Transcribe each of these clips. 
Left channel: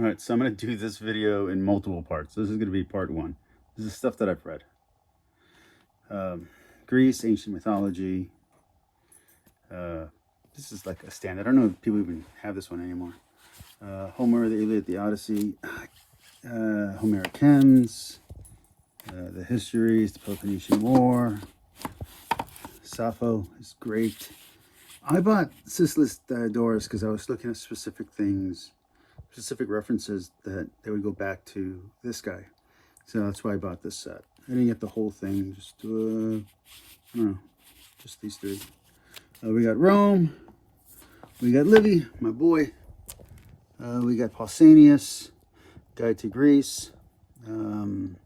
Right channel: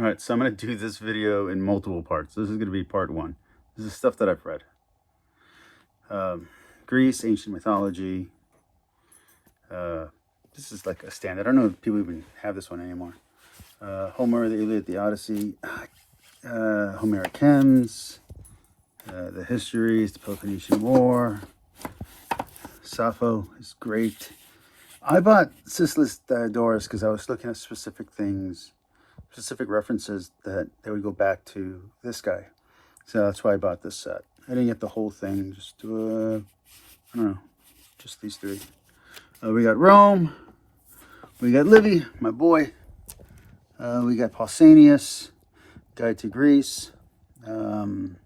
All right, so I'm going to do this video in multiple parts. This is going to be part one. This is stuff that I've read. Greece, ancient mythology. This is like a standard. I don't know if people even have this one anymore. Homer, the Iliad, the Odyssey. Homeric hymns. The histories, the Peloponnesian War. Sappho is great. I bought Sisyphus Diodorus because I was looking at specific things, specific references that they would go back to this guy. So that's why I bought this set. I didn't get the whole thing, just, I don't know, just these three. We got Rome, we got Livy, my boy. We got Pausanias, Guide to Greece. And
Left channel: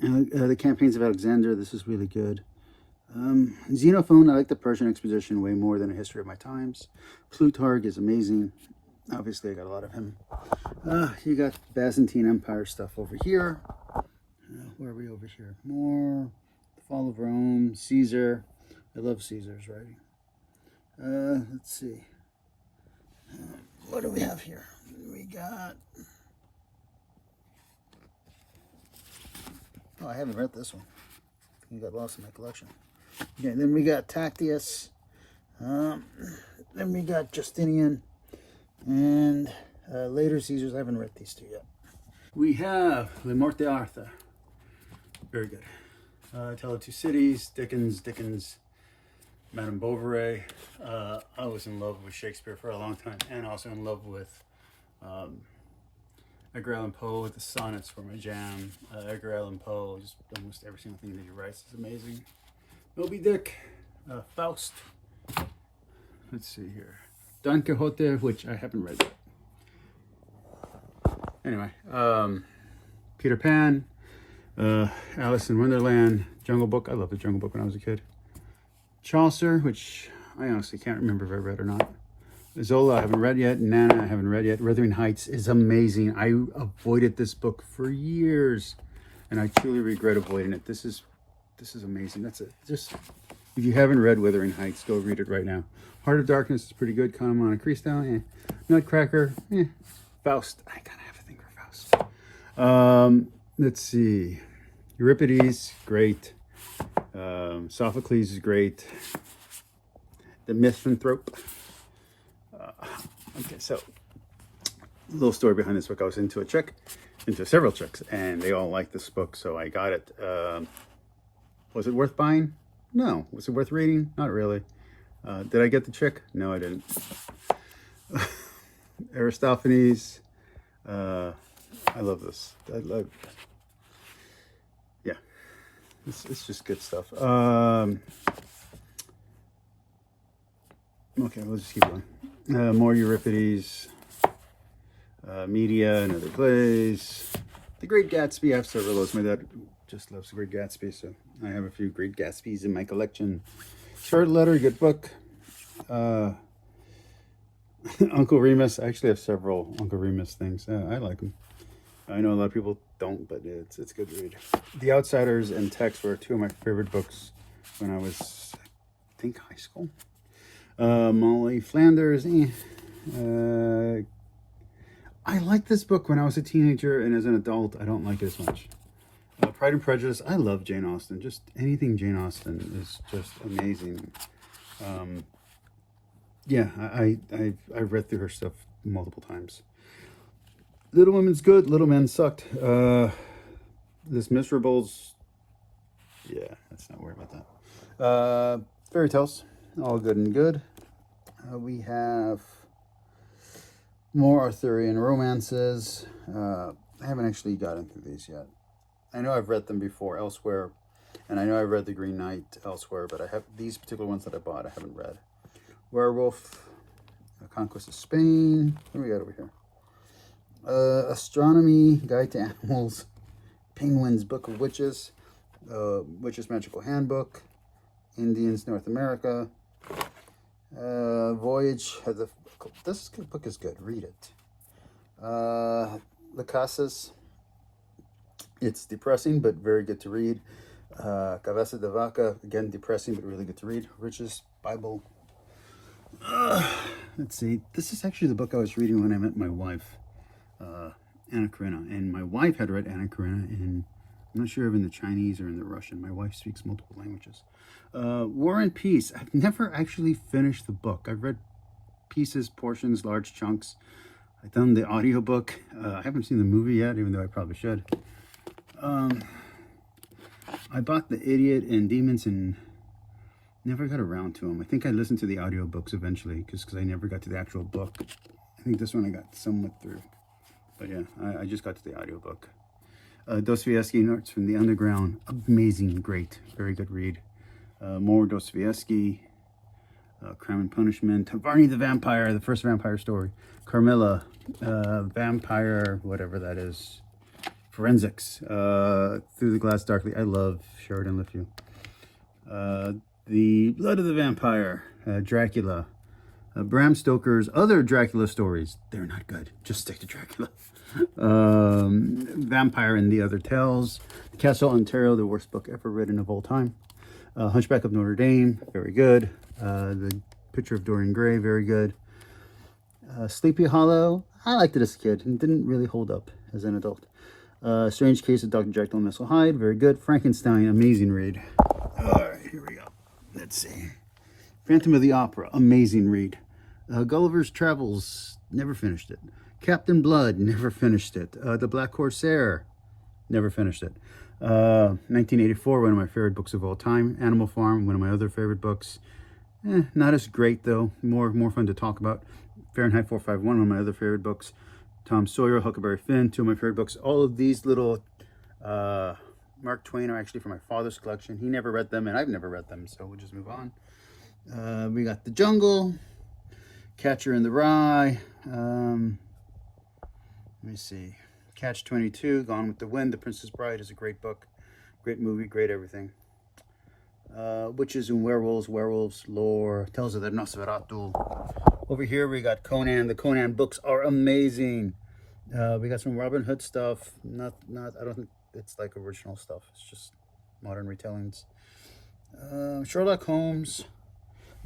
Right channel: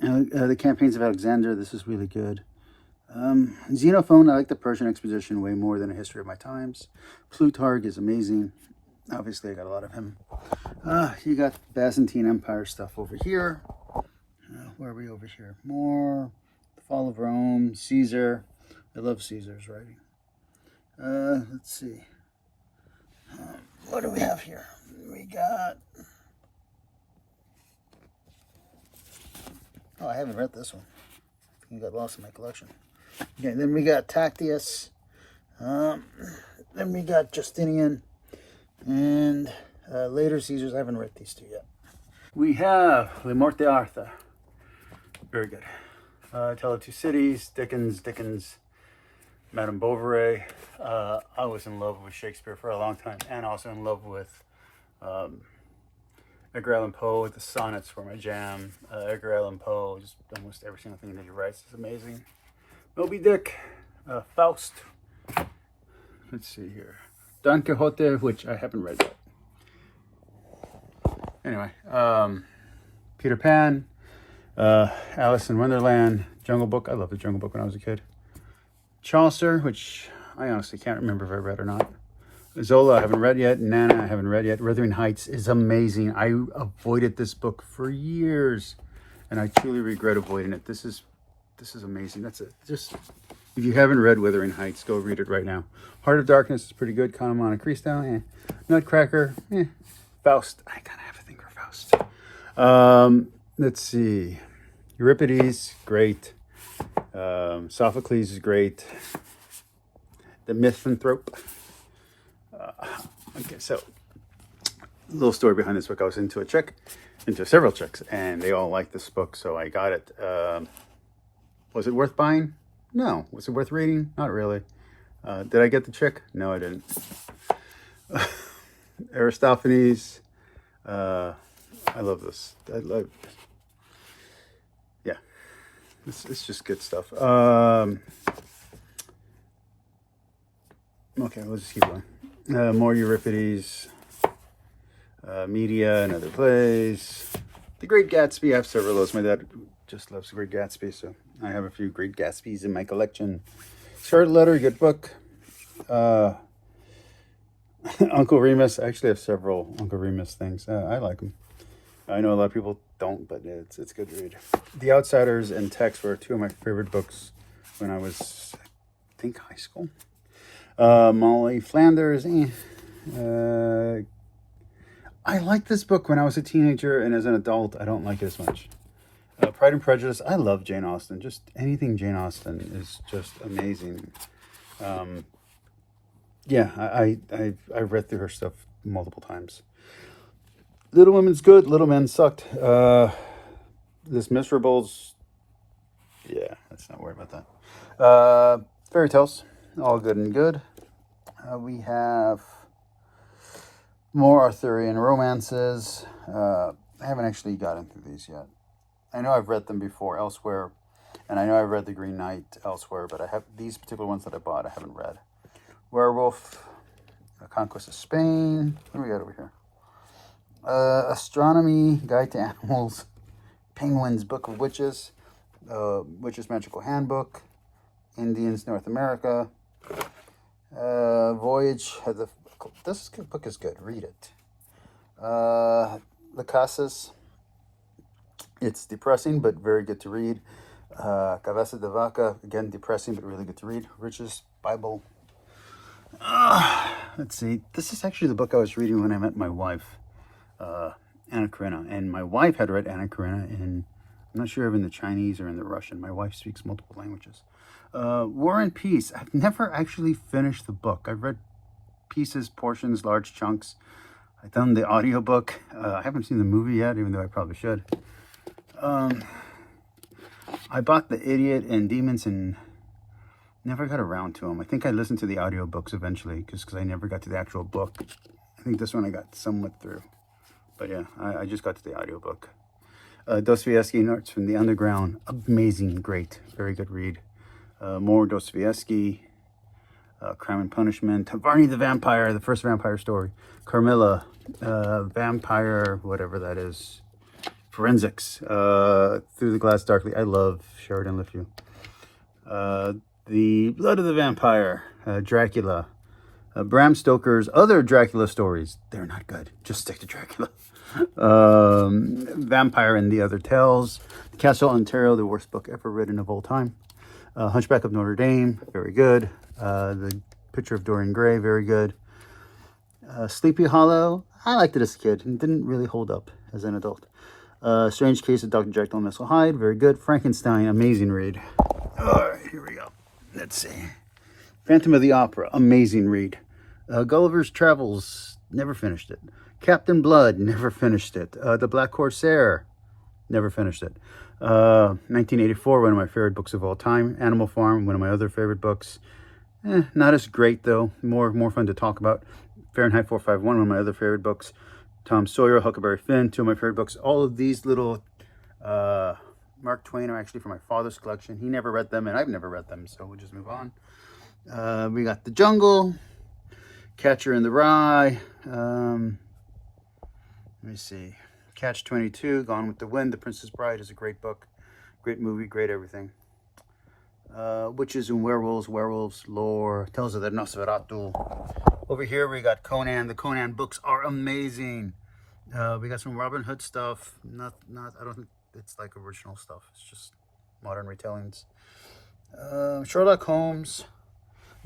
the Campaigns of Alexander, this is really good. Xenophon, I like the Persian Exposition way more than A History of My Times. Plutarch is amazing. Obviously, I got a lot of him. You got Byzantine Empire stuff over here. Where are we over here? More. The Fall of Rome. Caesar. I love Caesar's writing. Let's see. What do we have here? We got... Oh, I haven't read this one. I got lost in my collection. Okay, then we got Tactius. Then we got Justinian. And later Caesars. I haven't read these two yet. We have Le Morte Arthur. Very good. Tale of Two Cities. Dickens. Madame Bovary. I was in love with Shakespeare for a long time, and also in love with Edgar Allan Poe. The sonnets were my jam. Edgar Allan Poe, just almost every single thing that he writes is amazing. Moby Dick, Faust. Let's see here. Don Quixote, which I haven't read yet. Anyway, Peter Pan, Alice in Wonderland, Jungle Book. I loved the Jungle Book when I was a kid. Chaucer, which I honestly can't remember if I read or not. Zola, I haven't read yet. Nana, I haven't read yet. Wuthering Heights is amazing. I avoided this book for years, and I truly regret avoiding it. This is amazing. That's it. Just, if you haven't read Wuthering Heights, go read it right now. Heart of Darkness is pretty good. Count 'em on a Cristo, Nutcracker, Faust. I kind of have a thing for Faust. Let's see. Euripides, great. Sophocles is great. The Misanthrope. Okay, so a little story behind this book. I was into several chicks, and they all liked this book, so I got it. Was it worth buying? No. Was it worth reading? Not really. Did I get the chick? No, I didn't. Aristophanes. I love this. Yeah. It's just good stuff. Okay, let's just keep going. More Euripides, Media and Other Plays. The Great Gatsby, I have several of those. My dad just loves The Great Gatsby, so I have a few Great Gatsbys in my collection. Short Letter, good book. Uncle Remus, I actually have several Uncle Remus things. I like them. I know a lot of people don't, but it's a good read. The Outsiders and Text were two of my favorite books when I was, I think, high school. Molly Flanders. I liked this book when I was a teenager, and as an adult, I don't like it as much. Pride and Prejudice. I love Jane Austen. Just anything Jane Austen is just amazing. Yeah, I've read through her stuff multiple times. Little Women's good. Little Men sucked. This Miserables. Yeah, let's not worry about that. Fairy Tales. All good and good. We have more Arthurian romances. I haven't actually gotten through these yet. I know I've read them before elsewhere, and I know I've read The Green Knight elsewhere, but I have these particular ones that I bought I haven't read. Werewolf, Conquest of Spain. What do we got over here? Astronomy, Guide to Animals, Penguin's Book of Witches, Witch's Magical Handbook, Indians, North America, Voyage. This book is good. Read it. The Casas. It's depressing, but very good to read. Cabeza de Vaca, again, depressing, but really good to read. Rich's Bible. let's see. This is actually the book I was reading when I met my wife, Anna Karenina. And my wife had read Anna Karenina in, I'm not sure if in the Chinese or in the Russian. My wife speaks multiple languages. War and Peace. I've never actually finished the book. I've read pieces, portions, large chunks. I've done the audiobook. I haven't seen the movie yet, even though I probably should. I bought The Idiot and Demons and never got around to them. I think I listened to the audiobooks eventually because I never got to the actual book. I think this one I got somewhat through. But yeah, I just got to the audiobook. Dostoevsky, Notes from the Underground. Amazing, great, very good read. More Dostoevsky. Crime and Punishment. Varney the Vampire, the first vampire story. Carmilla, Vampire, whatever that is. Forensics. Through the Glass Darkly. I love Sheridan Le Fanu. The Blood of the Vampire. Dracula. Bram Stoker's other Dracula stories. They're not good. Just stick to Dracula. Vampire and the Other Tales. Castle Ontario, the worst book ever written of all time. Hunchback of Notre Dame, very good. The Picture of Dorian Gray, very good. Sleepy Hollow, I liked it as a kid and didn't really hold up as an adult. Strange Case of Dr. Jekyll and Mr. Hyde, very good. Frankenstein, amazing read. All right, here we go. Let's see. Phantom of the Opera, amazing read. Gulliver's Travels, never finished it. Captain Blood, never finished it. The Black Corsair, never finished it. 1984, one of my favorite books of all time. Animal Farm, one of my other favorite books. Not as great though, more fun to talk about. Fahrenheit 451, one of my other favorite books. Tom Sawyer, Huckleberry Finn, two of my favorite books. All of these little Mark Twain are actually from my father's collection. He never read them and I've never read them, so we'll just move on. We got The Jungle, Catcher in the Rye. Let me see. Catch-22, Gone with the Wind. The Princess Bride is a great book. Great movie, great everything. Witches and Werewolves, Werewolves Lore, Tales of the Nosferatu. Over here we got Conan. The Conan books are amazing. We got some Robin Hood stuff. I don't think it's like original stuff. It's just modern retellings. Sherlock Holmes.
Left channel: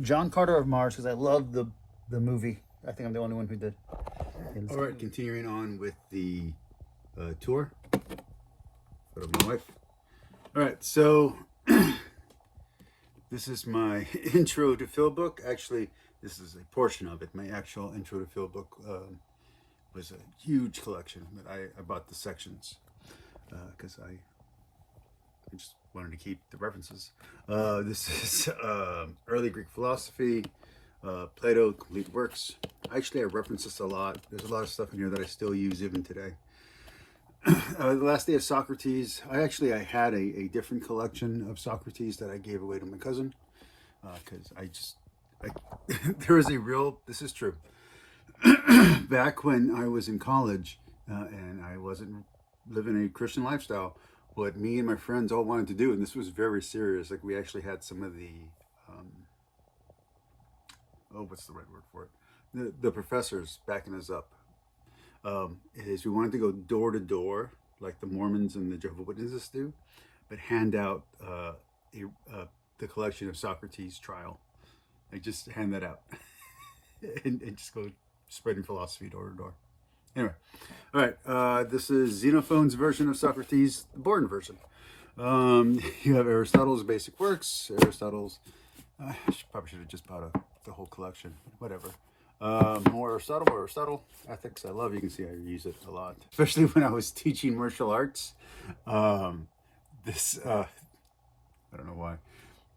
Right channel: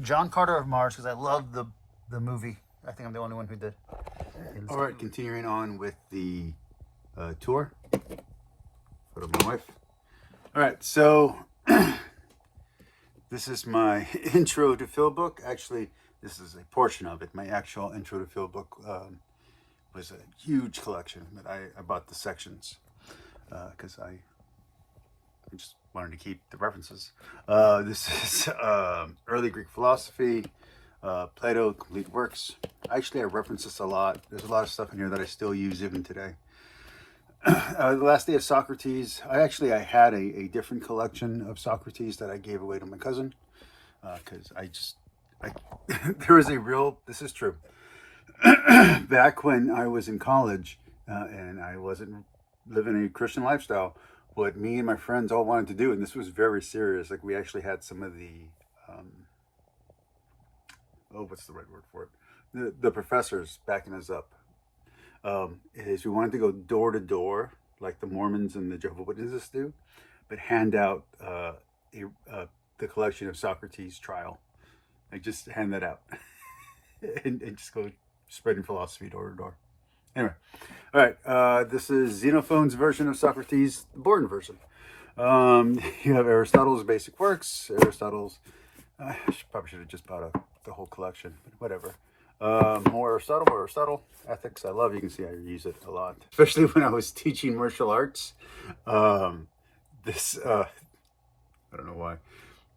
John Carter of Mars, because I love the movie. I think I'm the only one who did. All right, continuing on with the tour. Photo of my wife. All right, so this is my intro to Phil book. Actually, this is a portion of it. My actual intro to Phil book was a huge collection, but I bought the sections because I just wanted to keep the references. This is early Greek philosophy, Plato, complete works. Actually, I reference this a lot. There's a lot of stuff in here that I still use even today. The Last Day of Socrates. I had a different collection of Socrates that I gave away to my cousin because there is a real, this is true. Back when I was in college and I wasn't living a Christian lifestyle, what me and my friends all wanted to do, and this was very serious, like we actually had some of the, what's the right word for it? The professors backing us up. Is we wanted to go door to door, like the Mormons and the Jehovah's Witnesses do, but hand out the collection of Socrates' Trial. Like just hand that out and just go spreading philosophy door to door. Anyway, all right, this is Xenophon's version of Socrates, the Borden version. You have Aristotle's Basic Works, Aristotle's, probably should have just bought the whole collection, whatever. More Aristotle, ethics. I love, you can see I use it a lot, especially when I was teaching martial arts. I don't know why.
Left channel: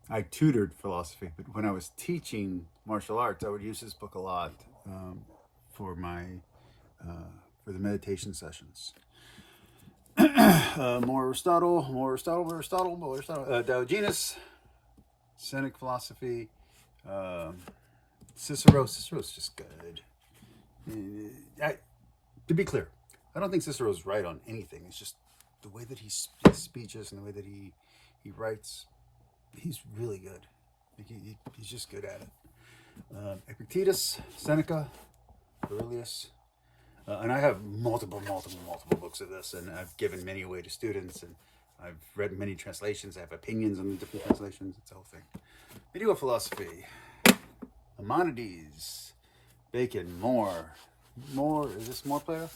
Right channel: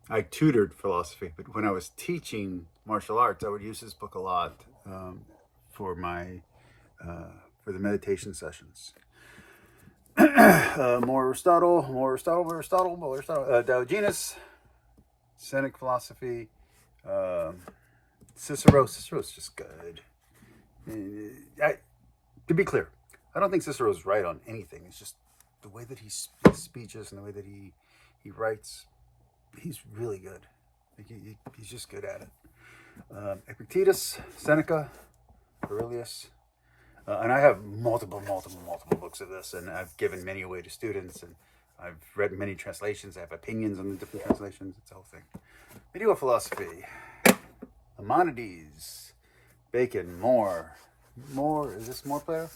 I tutored philosophy, but when I was teaching martial arts, I would use this book a lot for the meditation sessions. More Aristotle, Diogenes, Cynic philosophy, Cicero's just good. To be clear, I don't think Cicero's right on anything. It's just the way that he speeches and the way that he writes. He's really good. He's just good at it. Epictetus, Seneca, Aurelius. And I have multiple books of this, and I've given many away to students, and I've read many translations. I have opinions on the different translations. It's the whole thing. Medieval philosophy. Maimonides, Bacon, more. Is this more Plato?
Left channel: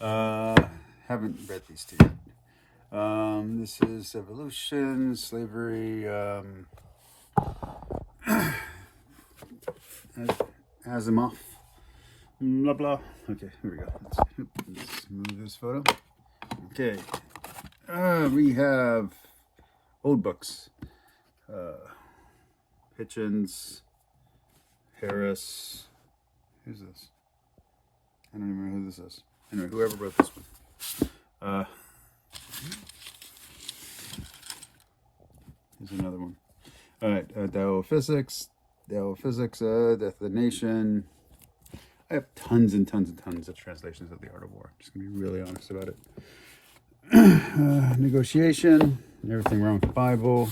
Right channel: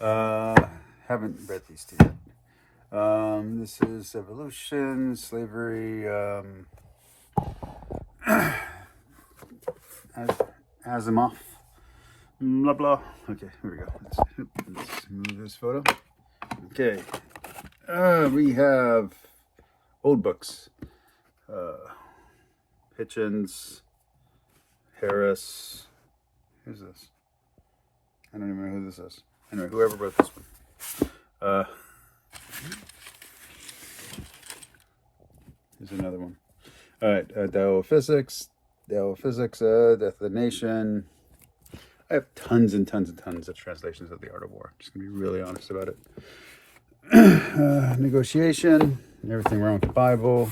Yeah. Haven't read these two yet. This is Evolution, Slavery, Asimov, blah, blah. Okay, here we go. Let's move this photo. Okay. We have old books. Hitchens, Harris. Who's this? I don't even know who this is. Anyway, whoever wrote this one. Here's another one. All right, Tao of Physics, Death of the Nation. I have tons and tons and tons of translations of The Art of War. Just gonna be really honest about it. Negotiation, Everything Wrong with the Bible.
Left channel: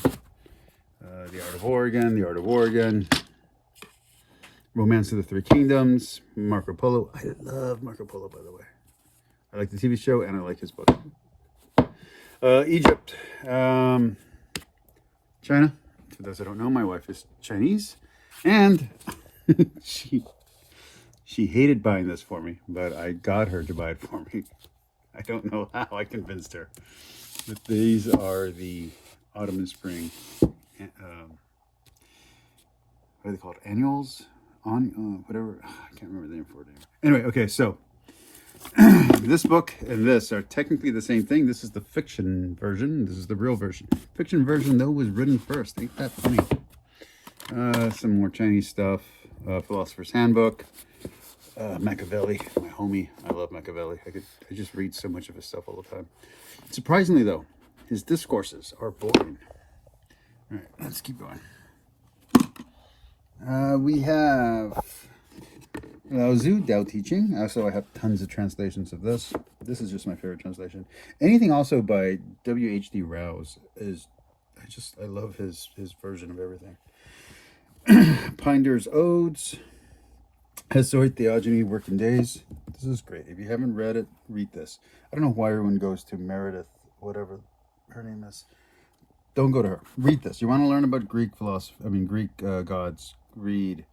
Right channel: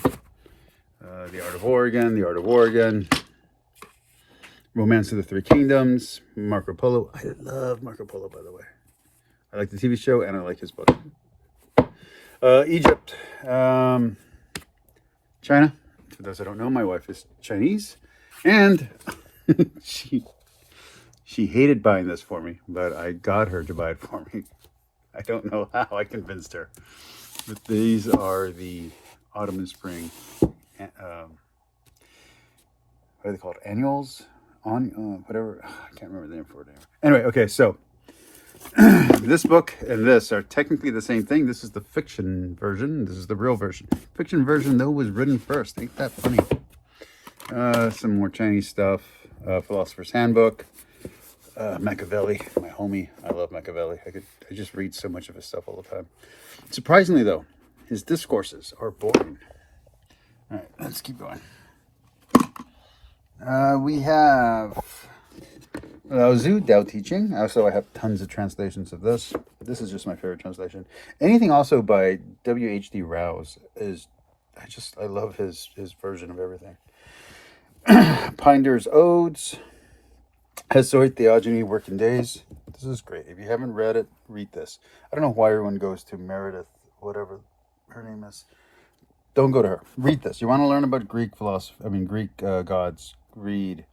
The Art of War again. Romance of the Three Kingdoms. Marco Polo. I love Marco Polo, by the way. I like the TV show and I like his book. Egypt. China. For those that don't know, my wife is Chinese. And she hated buying this for me, but I got her to buy it for me. I don't know how I convinced her. But these are the autumn and spring, what are they called? Annuals? Whatever. I can't remember the name for it anymore. Anyway, okay, so this book and this are technically the same thing. This is the fiction version. This is the real version. Fiction version, though, was written first. Ain't that funny? Some more Chinese stuff. Philosopher's Handbook. Machiavelli, my homie. I love Machiavelli. I just read so much of his stuff all the time. Surprisingly, though, his discourses are boring. All right, let's keep going. We have Lao Tzu, Tao Teaching. Also, I have tons of translations of this. This is just my favorite translation. Anything also by W.H.D. Rouse is, I love his version of everything. Pinder's Odes. Hesiod, Theogony, Working Days. This is great. If you haven't read it, read this. I don't know why everyone goes to Meredith, whatever her name is. Don't go to her. Read this. You want to learn about Greek philosophy, Greek gods, read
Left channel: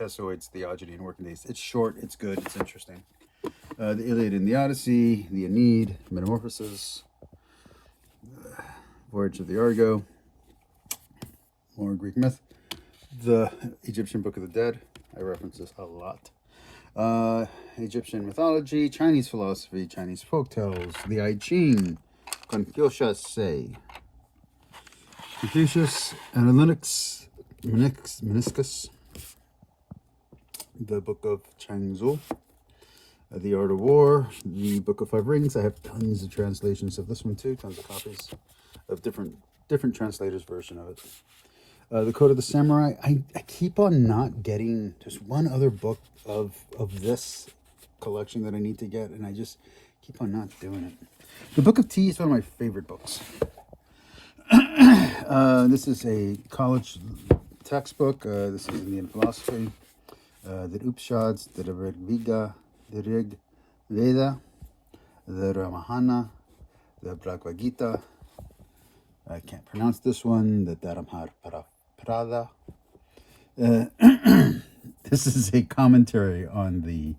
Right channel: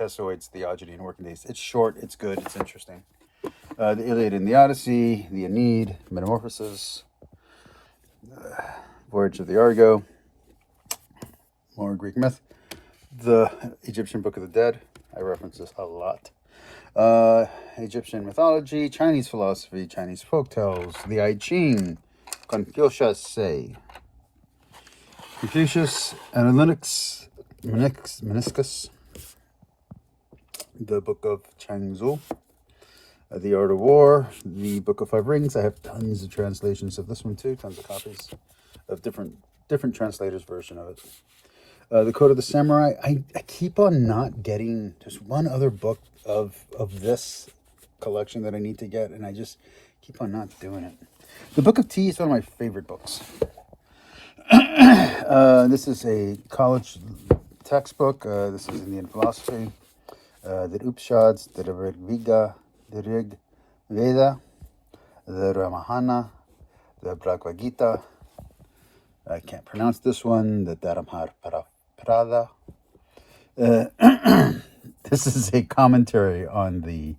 Hesiod's Theogony and Working Days. It's short, it's good, it's interesting. The Iliad and the Odyssey, the Aeneid, Metamorphosis, Voyage of the Argo, more Greek myth, the Egyptian Book of the Dead. I reference this a lot. Egyptian mythology, Chinese philosophy, Chinese folktales, the I Ching, Confucius, Analytics, Meniscus, the Book of Chang Tzu, The Art of War, the Book of Five Rings. I have tons of translations of this one too, tons of copies of different translators' version of it. The Code of the Samurai. I keep on not getting just one other book of this collection that I need to get, and I just keep on not doing it. The Book of Tea is one of my favorite books. This is a college textbook. This is Indian philosophy. The Upanishads, the Rig Veda, the Ramayana, the Bhagavad Gita. I can't pronounce this one. The Dharmapada. This is a commentary on the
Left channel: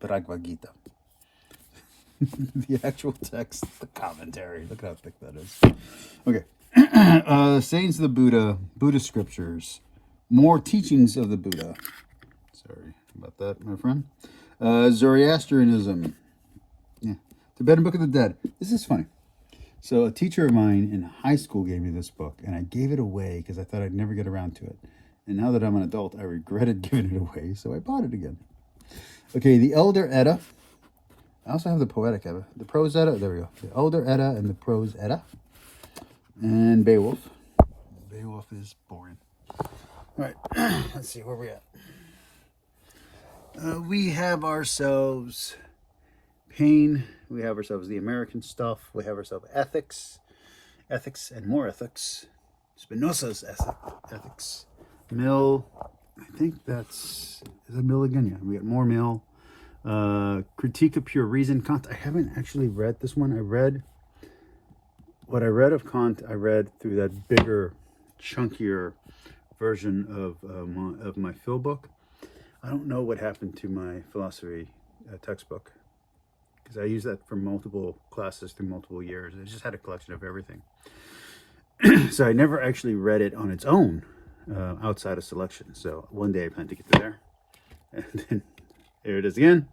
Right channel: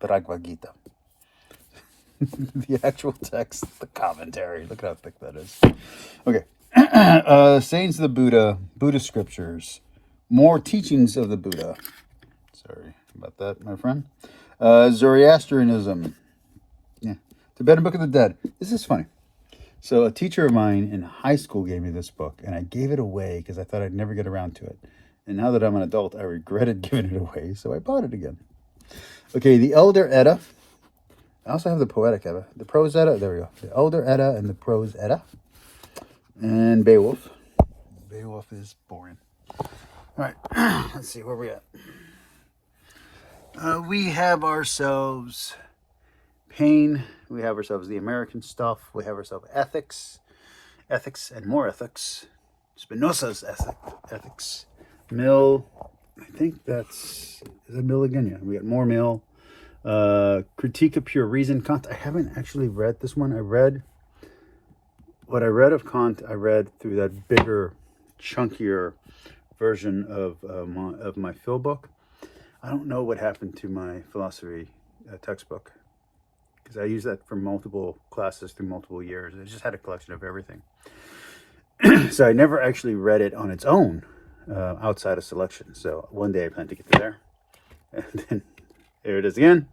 Bhagavad Gita. The actual text, the commentary. Look at how thick that is. Okay. Sayings of the Buddha, Buddhist scriptures, more teachings of the Buddha. Sorry about that, my friend. Zoroastrianism. Yeah. Tibetan Book of the Dead. This is funny. So a teacher of mine in high school gave me this book, and I gave it away because I thought I'd never get around to it. And now that I'm an adult, I regretted giving it away, so I bought it again. Okay, the Elder Edda. I also have the Poetic Edda. The Prose Edda, there we go. The Elder Edda and the Prose Edda. And Beowulf. Beowulf is boring. All right, let's see, where we at? We have ourselves Pain. We have ourselves the American stuff. We have ourselves ethics and more ethics. Spinoza's ethics. Mill. I think is it Mill again? Yeah, we got more Mill. Critique of Pure Reason. Kant. I haven't actually read this one. What I read of Kant, I read through that bigger, chunkier version of my Phil book. I don't know what happened to my philosophy textbook, because I used that for multiple classes through multiple years. It just had a collection of everything. So I never actually read it on its own outside of selection. So one day I plan to get to there. And then there it is again.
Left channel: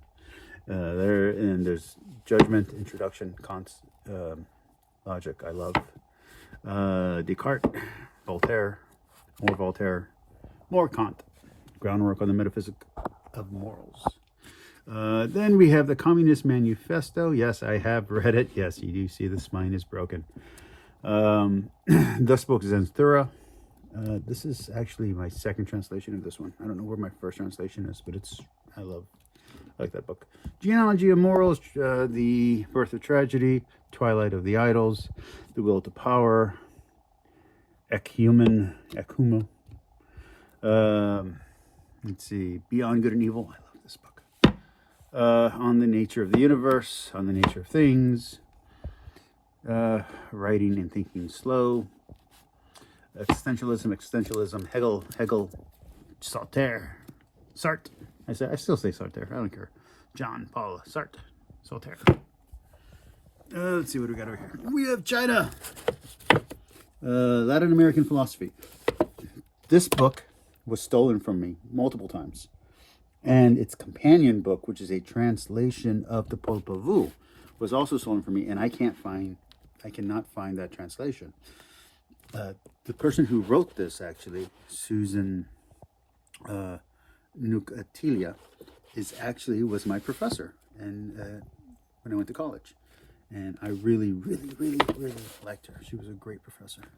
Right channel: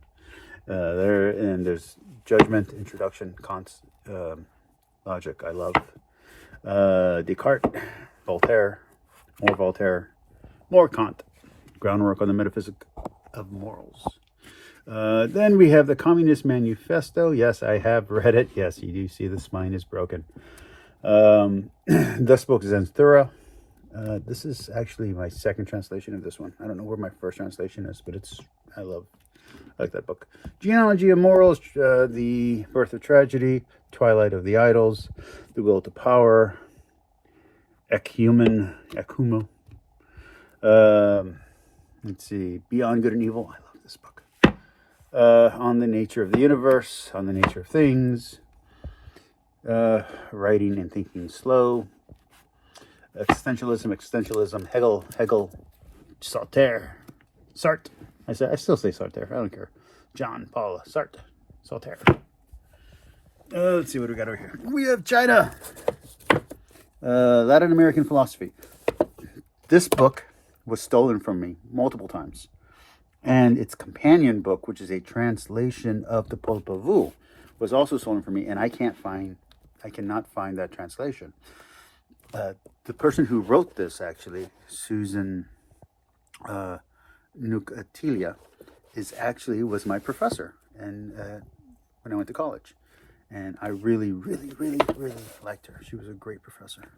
There, and there's Judgment, Introduction, Kant's Logic. I love Descartes, Voltaire, more Kant, Groundwork on the Metaphysics of Morals. Then we have the Communist Manifesto. Yes, I have read it. Yes, you do see the spine is broken. Thus Spoke Zarathustra. This is actually my second translation of this one. I don't know where my first translation is, but I like that book. Genealogy of Morals, The Birth of Tragedy, Twilight of the Idols, The Will to Power, Ekumo. Let's see, Beyond Good and Evil. I love this book. On the Nature of the Universe, On the Nature of Things, Writing and Thinking Slow, Existentialism, Hegel, Sartre. I still say Sartre. I don't care. John Paul Sartre. Let's see what we got over here. We have China. Latin American philosophy. This book was stolen from me multiple times. And its companion book, which is a translation of the Popol Vuh, was also stolen from me. And I cannot find that translation. The person who wrote this, actually, Susan Nucatilia, was my professor, and when I went to college, and I really liked her. She was a great professor.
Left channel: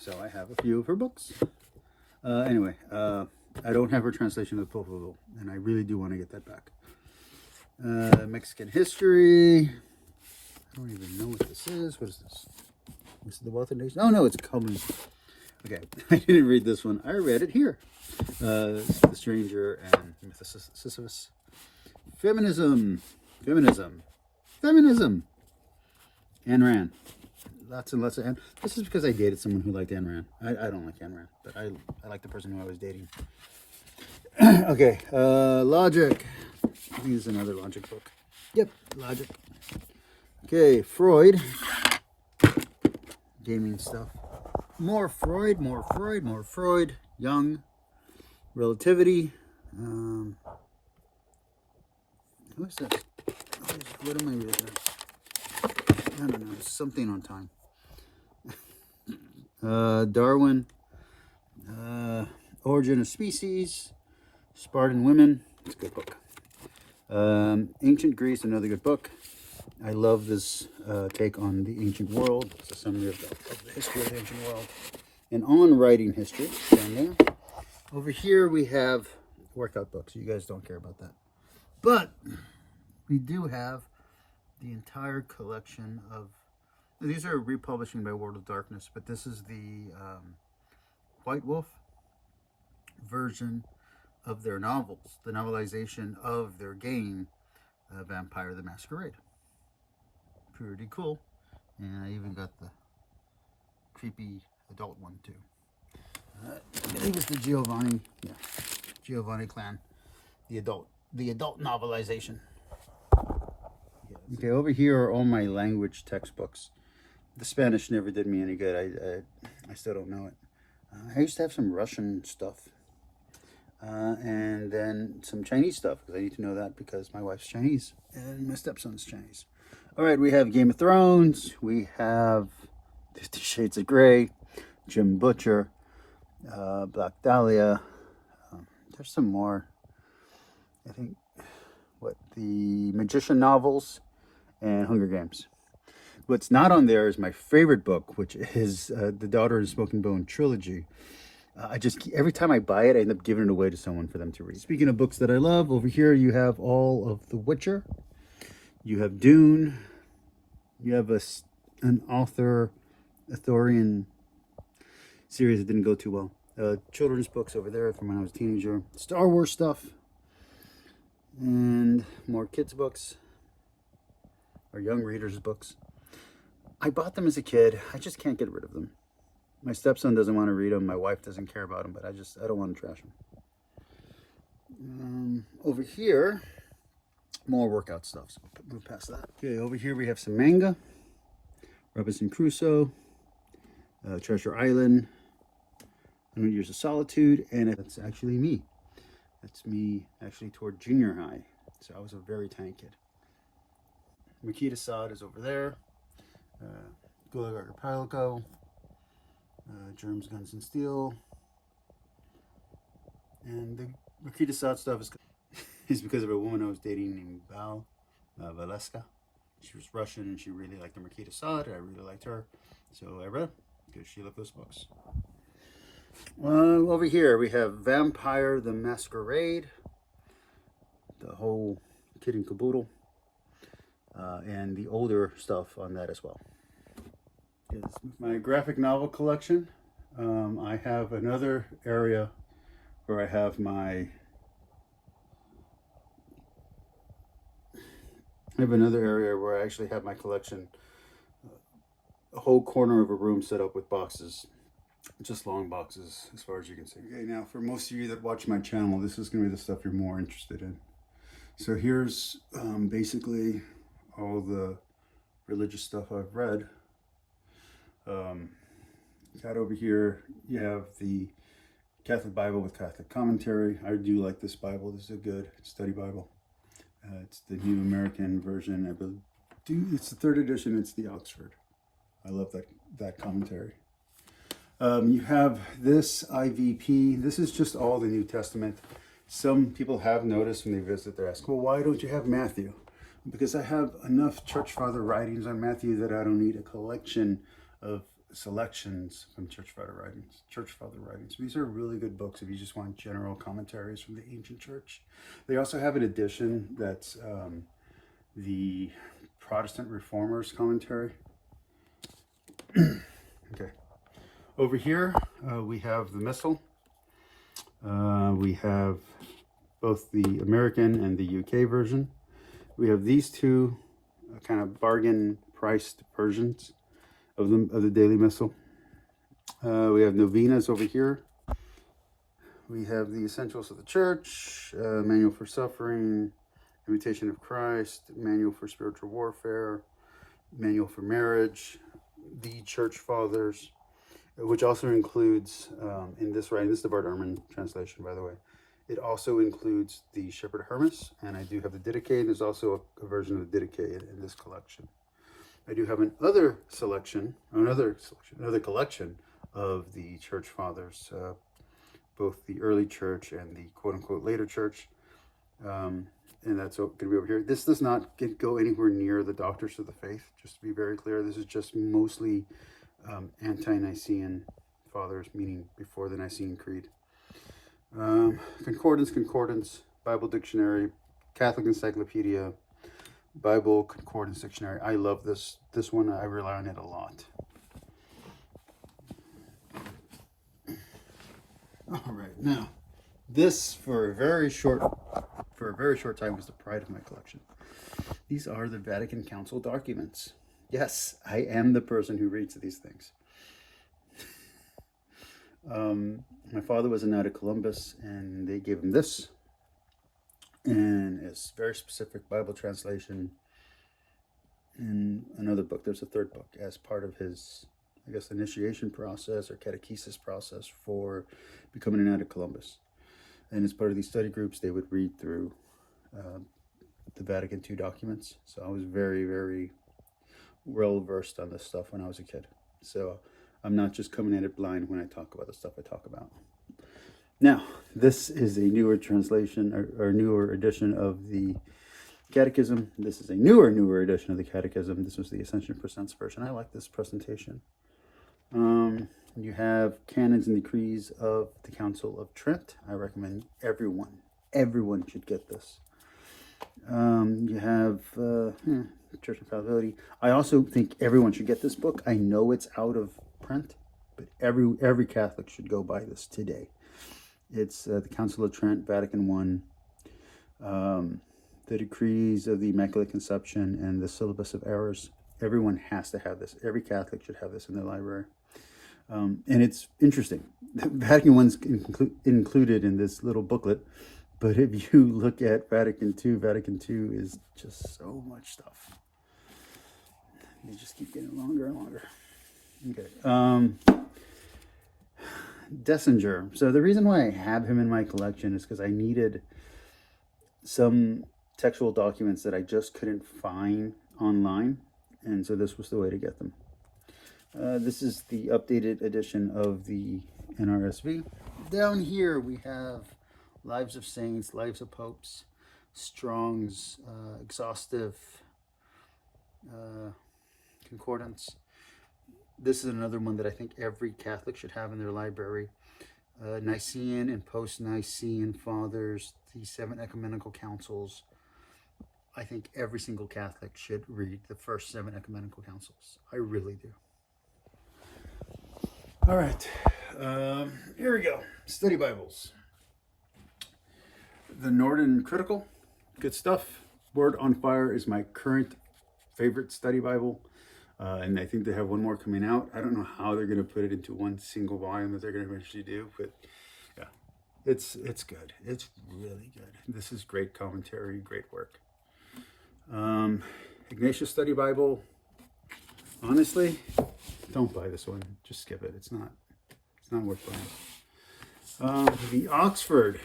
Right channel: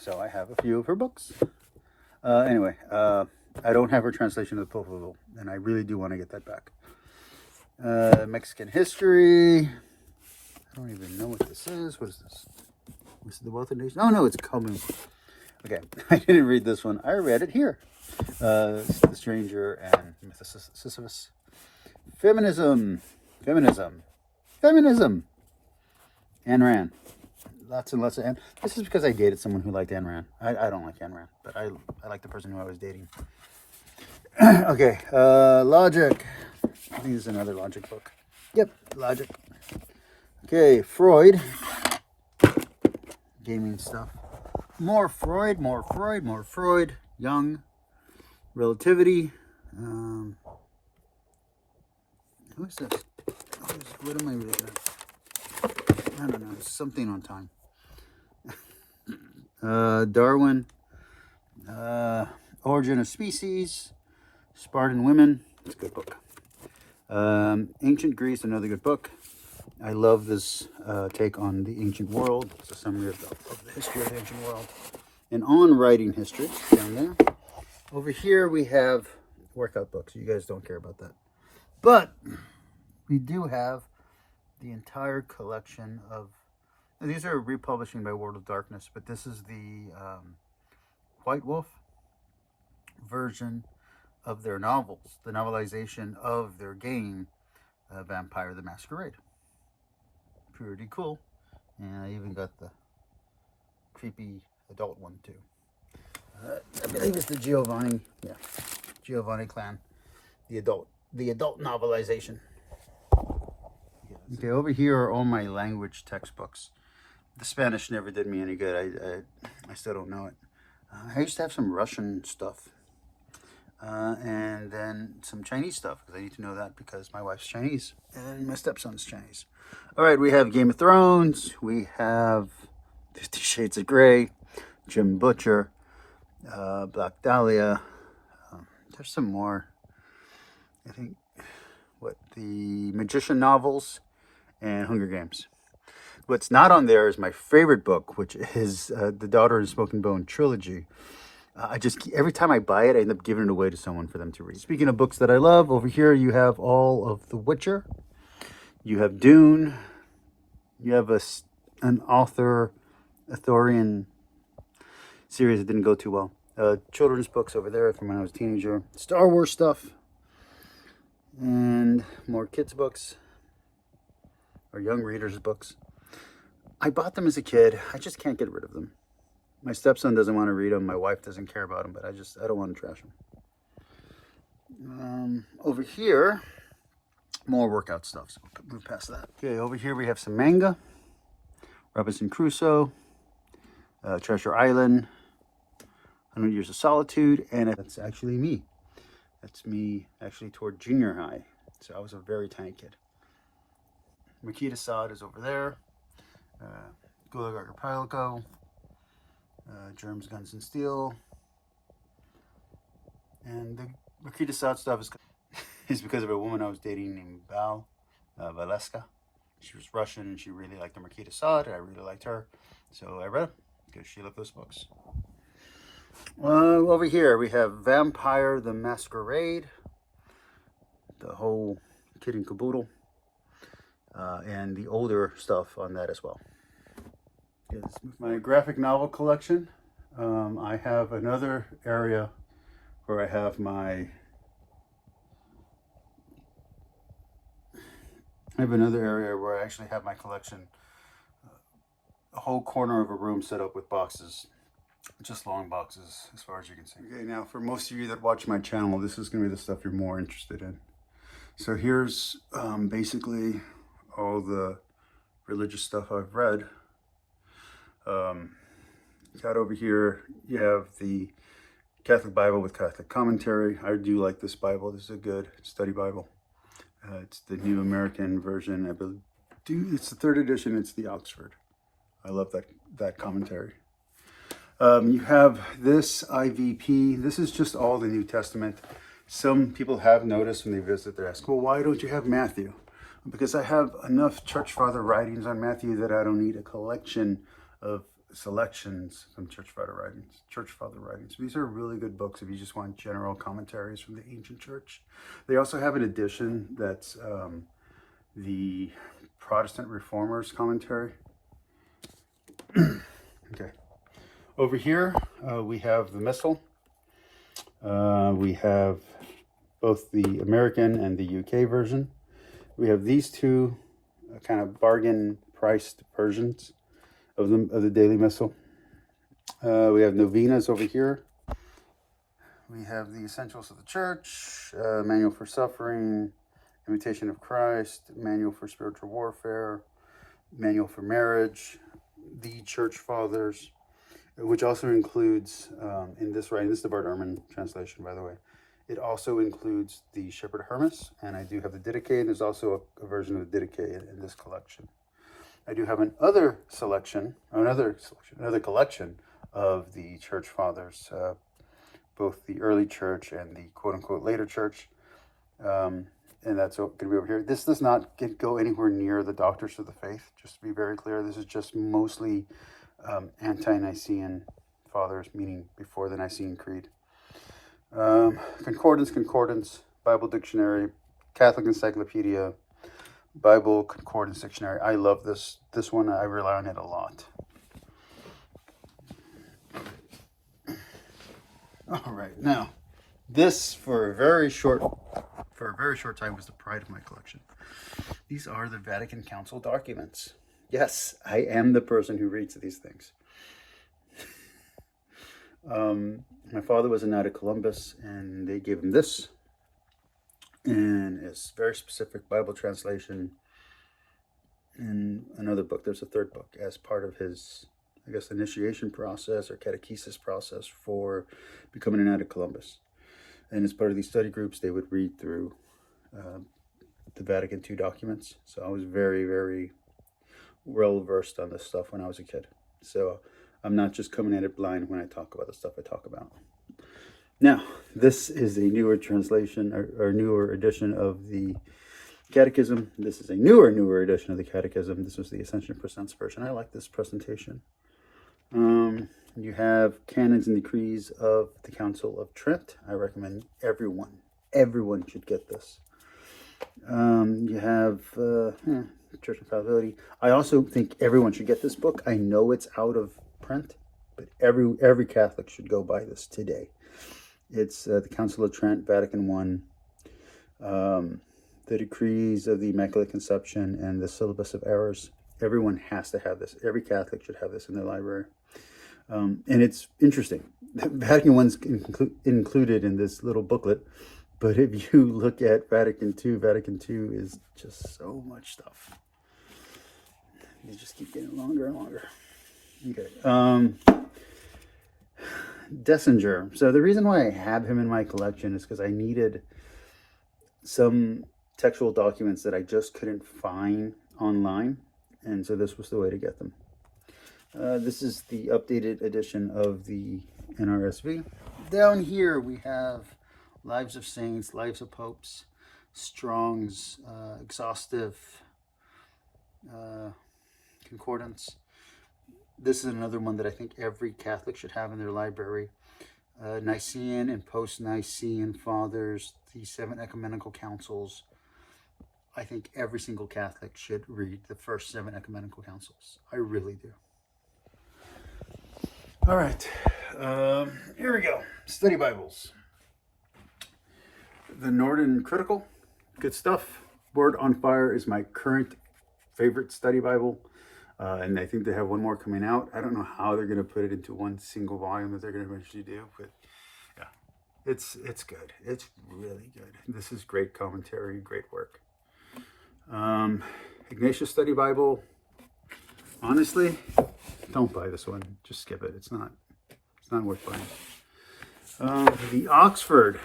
So I have a few of her books. Anyway, I don't have her translation of the Popol Vuh, and I really do want to get that back. Mexican history. I don't even know what this is. What is this? This is the Wealth of Nations. Oh no, it's coming. Okay, I didn't read this one. I read it here. The Stranger and Sisyphus. Feminism. Ayn Rand. Lots and lots of Ayn. This is because I dated someone who liked Ayn Rand. I don't like Ayn Rand, but I like the person who I was dating. Okay, Logic. I think this is another Logic book. Yep, Logic. Okay, Freud. Gaming stuff. More Freud. Young. Relativity. Who is this? What am I reading? I don't know. Something on time. Darwin. Origin of Species. Spartan Women. It's a good book. Ancient Greece, another good book. I love this take on the ancient world. It's a summary of the history of the ancient world. And on writing history, down there. Over here we have workout books. You guys don't care about that. But we do have the entire collection of... These are republishing by World of Darkness, but this is the White Wolf version of their novels. The novelization of their game, Vampire the Masquerade. Pretty cool. And I even got the creepy adult one too. I believe it's the Giovanni clan. The adult novelization. Okay, over here are all my language textbooks. The Spanish never did me any good. I still don't know it. I used to have some Russian stuff. And then some Chinese stuff, because I need to know that because my wife's Chinese and my stepson's Chinese. All right, we have Game of Thrones. We have 50 Shades of Grey, Jim Butcher, Black Dahlia. There's some more. I think, the Magician novels and Hunger Games. What's not on there is my favorite book, which is the Daughter and Smoking Bone trilogy. Every time I buy it, I end up giving it away to someone for them to read. Speaking of books that I love, over here you have all of The Witcher. You have Dune. You have an Arthurian series that didn't go too well. Children's books over there from when I was a teenager. Star Wars stuff. And more kids' books. Or young readers' books. I bought them as a kid. I just can't get rid of them. My stepson doesn't want to read them. My wife doesn't care about them, but I don't want to trash them. Over here, more workout stuff, so we'll move past that. Okay, over here we have some manga, Robinson Crusoe, Treasure Island, 100 Years of Solitude, and that's actually me. That's me actually toward junior high, so I was a very tiny kid. Marquis de Sade is over there, Gulag Archipelago, Germs, Guns, and Steel, and the Marquis de Sade stuff is because of a woman I was dating named Valeska. She was Russian and she really liked the Marquis de Sade, and I really liked her, so I read them because she loved those books. Over here we have Vampire the Masquerade, the whole kit and caboodle, and the older stuff on that as well. My graphic novel collection. I have another area where I have my I actually have my collection, a whole corner of a room set up with boxes, just long boxes as far as you can see. Okay, now for most of you that watch my channel, this is going to be the stuff you're more interested in. So here's basically all the religious stuff I've read. Got over here, you have the Catholic Bible with Catholic commentary. I do like this Bible. This is a good study Bible. It's the New American Version. I believe it's the 3rd edition. It's the Oxford. I love that commentary. You have this IVP. This is just all the New Testament. Some people have noticed when they visit, they ask, well, why don't you have Matthew? Because I have enough church father writings on Matthew that I don't need a collection of selections from church father writings. These are really good books if you just want general commentaries from the ancient church. They also have an edition that's the Protestant Reformers commentary. Okay. Over here we have the Missal. We have both the American and the UK version. We have these two kind of bargain priced versions of the Daily Missal. We have novenas over here. We have the Essentials of the Church, Manual for Suffering, Imitation of Christ, Manual for Spiritual Warfare, Manual for Marriage, the Church Fathers, which also includes, in this writing, this is the Bart Ehrman translation, by the way, it also includes the Shepherd Hermas, and I do have the Didache. There's also a version of the Didache in this collection. I do have another collection of the Church Fathers, both the early church and the quote-unquote later church, and that's going to be over here. This does not go anywhere near the Doctors of the Faith, just to be very clear. This is just mostly ante-Nicene fathers, meaning before the Nicene Creed. Concordance, Bible Dictionary, Catholic Encyclopedia, Bible Concordance Dictionary. I love this one. I rely on it a lot. All right, now this for a very short time was the pride of my collection. These are the Vatican Council documents. Yes, I am the person who reads these things. My father was a Knight of Columbus, and they gave him this, and it's very specific Bible translation in another book. There's a 3rd book as part of his, I guess, initiation process or catechesis process for becoming a Knight of Columbus. And as part of these study groups, they would read through the Vatican II documents. So I was very, very well versed on this stuff when I was a kid. So I'm not just coming at it blind when I talk about the stuff I talk about. Now, this is a newer translation or newer edition of the Catechism. This is a newer edition of the Catechism. This was the Ascension Presents version. I like this presentation. You have Canons and Decrees of the Council of Trent. I recommend everyone should get this. You have Church Infallibility. I also think everyone should get this book. I know it's out of print, but every Catholic should go buy this today. It's the Council of Trent, Vatican I, the Decrees of the Immaculate Conception, and the Syllabus of Errors. Everyone has to have this. Every Catholic should have this in their library. And it's interesting. Vatican I's included in this little booklet, But if you look at Vatican II is just so much stuff. You just keep getting longer and longer. Okay. Dessinger. So the reason why I have him in my collection is because I needed some textual documents that I just couldn't find online. And so this was the way to get them. This is the updated edition of the NRSV. Down here we have Lives of Saints, Lives of Popes, Strong's exhaustive concordance. This is another one that I think every Catholic should have in their library. Nicene and post-Nicene Fathers, the 7 ecumenical councils. I think every single Catholic should read the first 7 ecumenical councils. I really do. All right, here we go. Study Bibles. The Norton Critical, good stuff. Word on Fire is my current favorite study Bible. And I think they have one more coming out. I don't know how they're going to put it into one single volume that they're going to eventually do, but yeah, it's good. It's really good. This is great commentary, great work. Ignatius Study Bible. Honestly, don't buy this one. Just skip it. It's not worth buying. The Oxford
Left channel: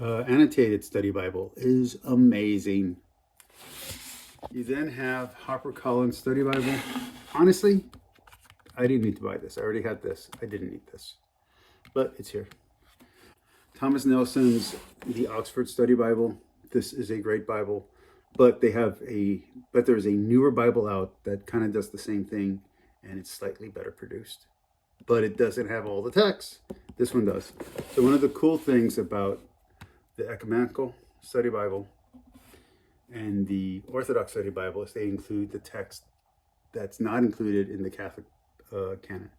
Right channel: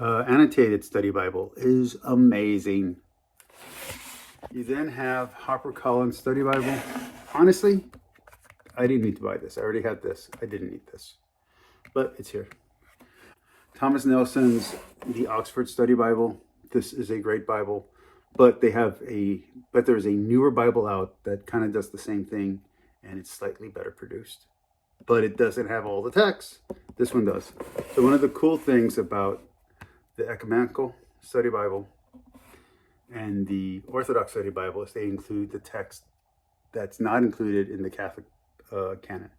Annotated Study Bible is amazing. You then have HarperCollins Study Bible. Honestly, I didn't need to buy this. I already had this. I didn't need this, but it's here. Thomas Nelson's The Oxford Study Bible. This is a great Bible, but there's a newer Bible out that kind of does the same thing, and it's slightly better produced, but it doesn't have all the text. This one does. So one of the cool things about the Ecumenical Study Bible and the Orthodox Study Bible is they include the text that's not included in the Catholic canon.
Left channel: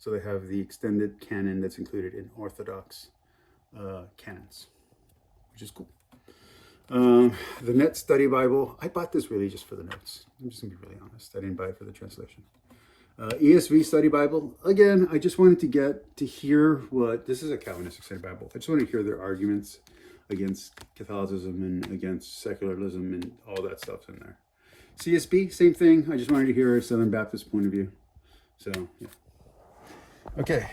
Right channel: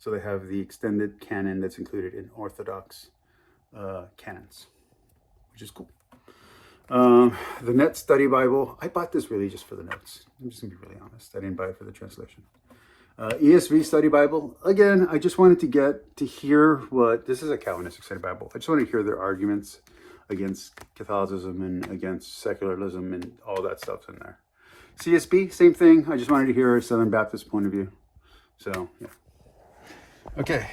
So they have the extended canon that's included in Orthodox canons, which is cool. The Net Study Bible, I bought this really just for the notes. I'm just gonna be really honest. I didn't buy it for the translation. ESV Study Bible, again, I just wanted to get to hear this is a Calvinistic Study Bible. I just want to hear their arguments against Catholicism and against secularism and all that stuff's in there. CSB, same thing. I just wanted to hear a Southern Baptist point of view. So, yeah. Okay,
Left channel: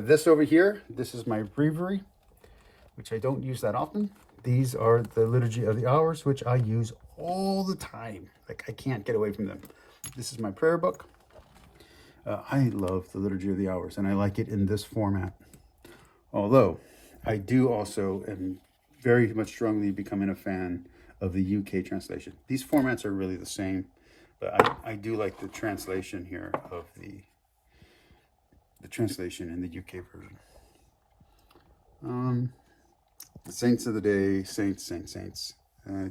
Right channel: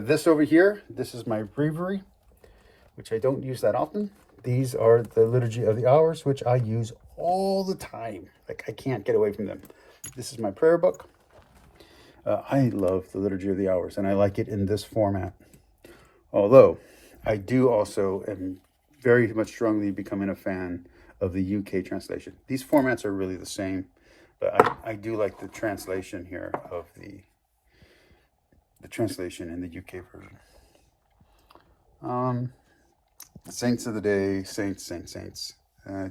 this over here, this is my breviary, which I don't use that often. These are the Liturgy of the Hours, which I use all the time. Like, I can't get away from them. This is my prayer book. I love the Liturgy of the Hours, and I like it in this format. Although, I do also am very much strongly becoming a fan of the UK translation. These formats are really the same, but I do like the translation here of the translation in the UK version. Saints of the Day, Saints,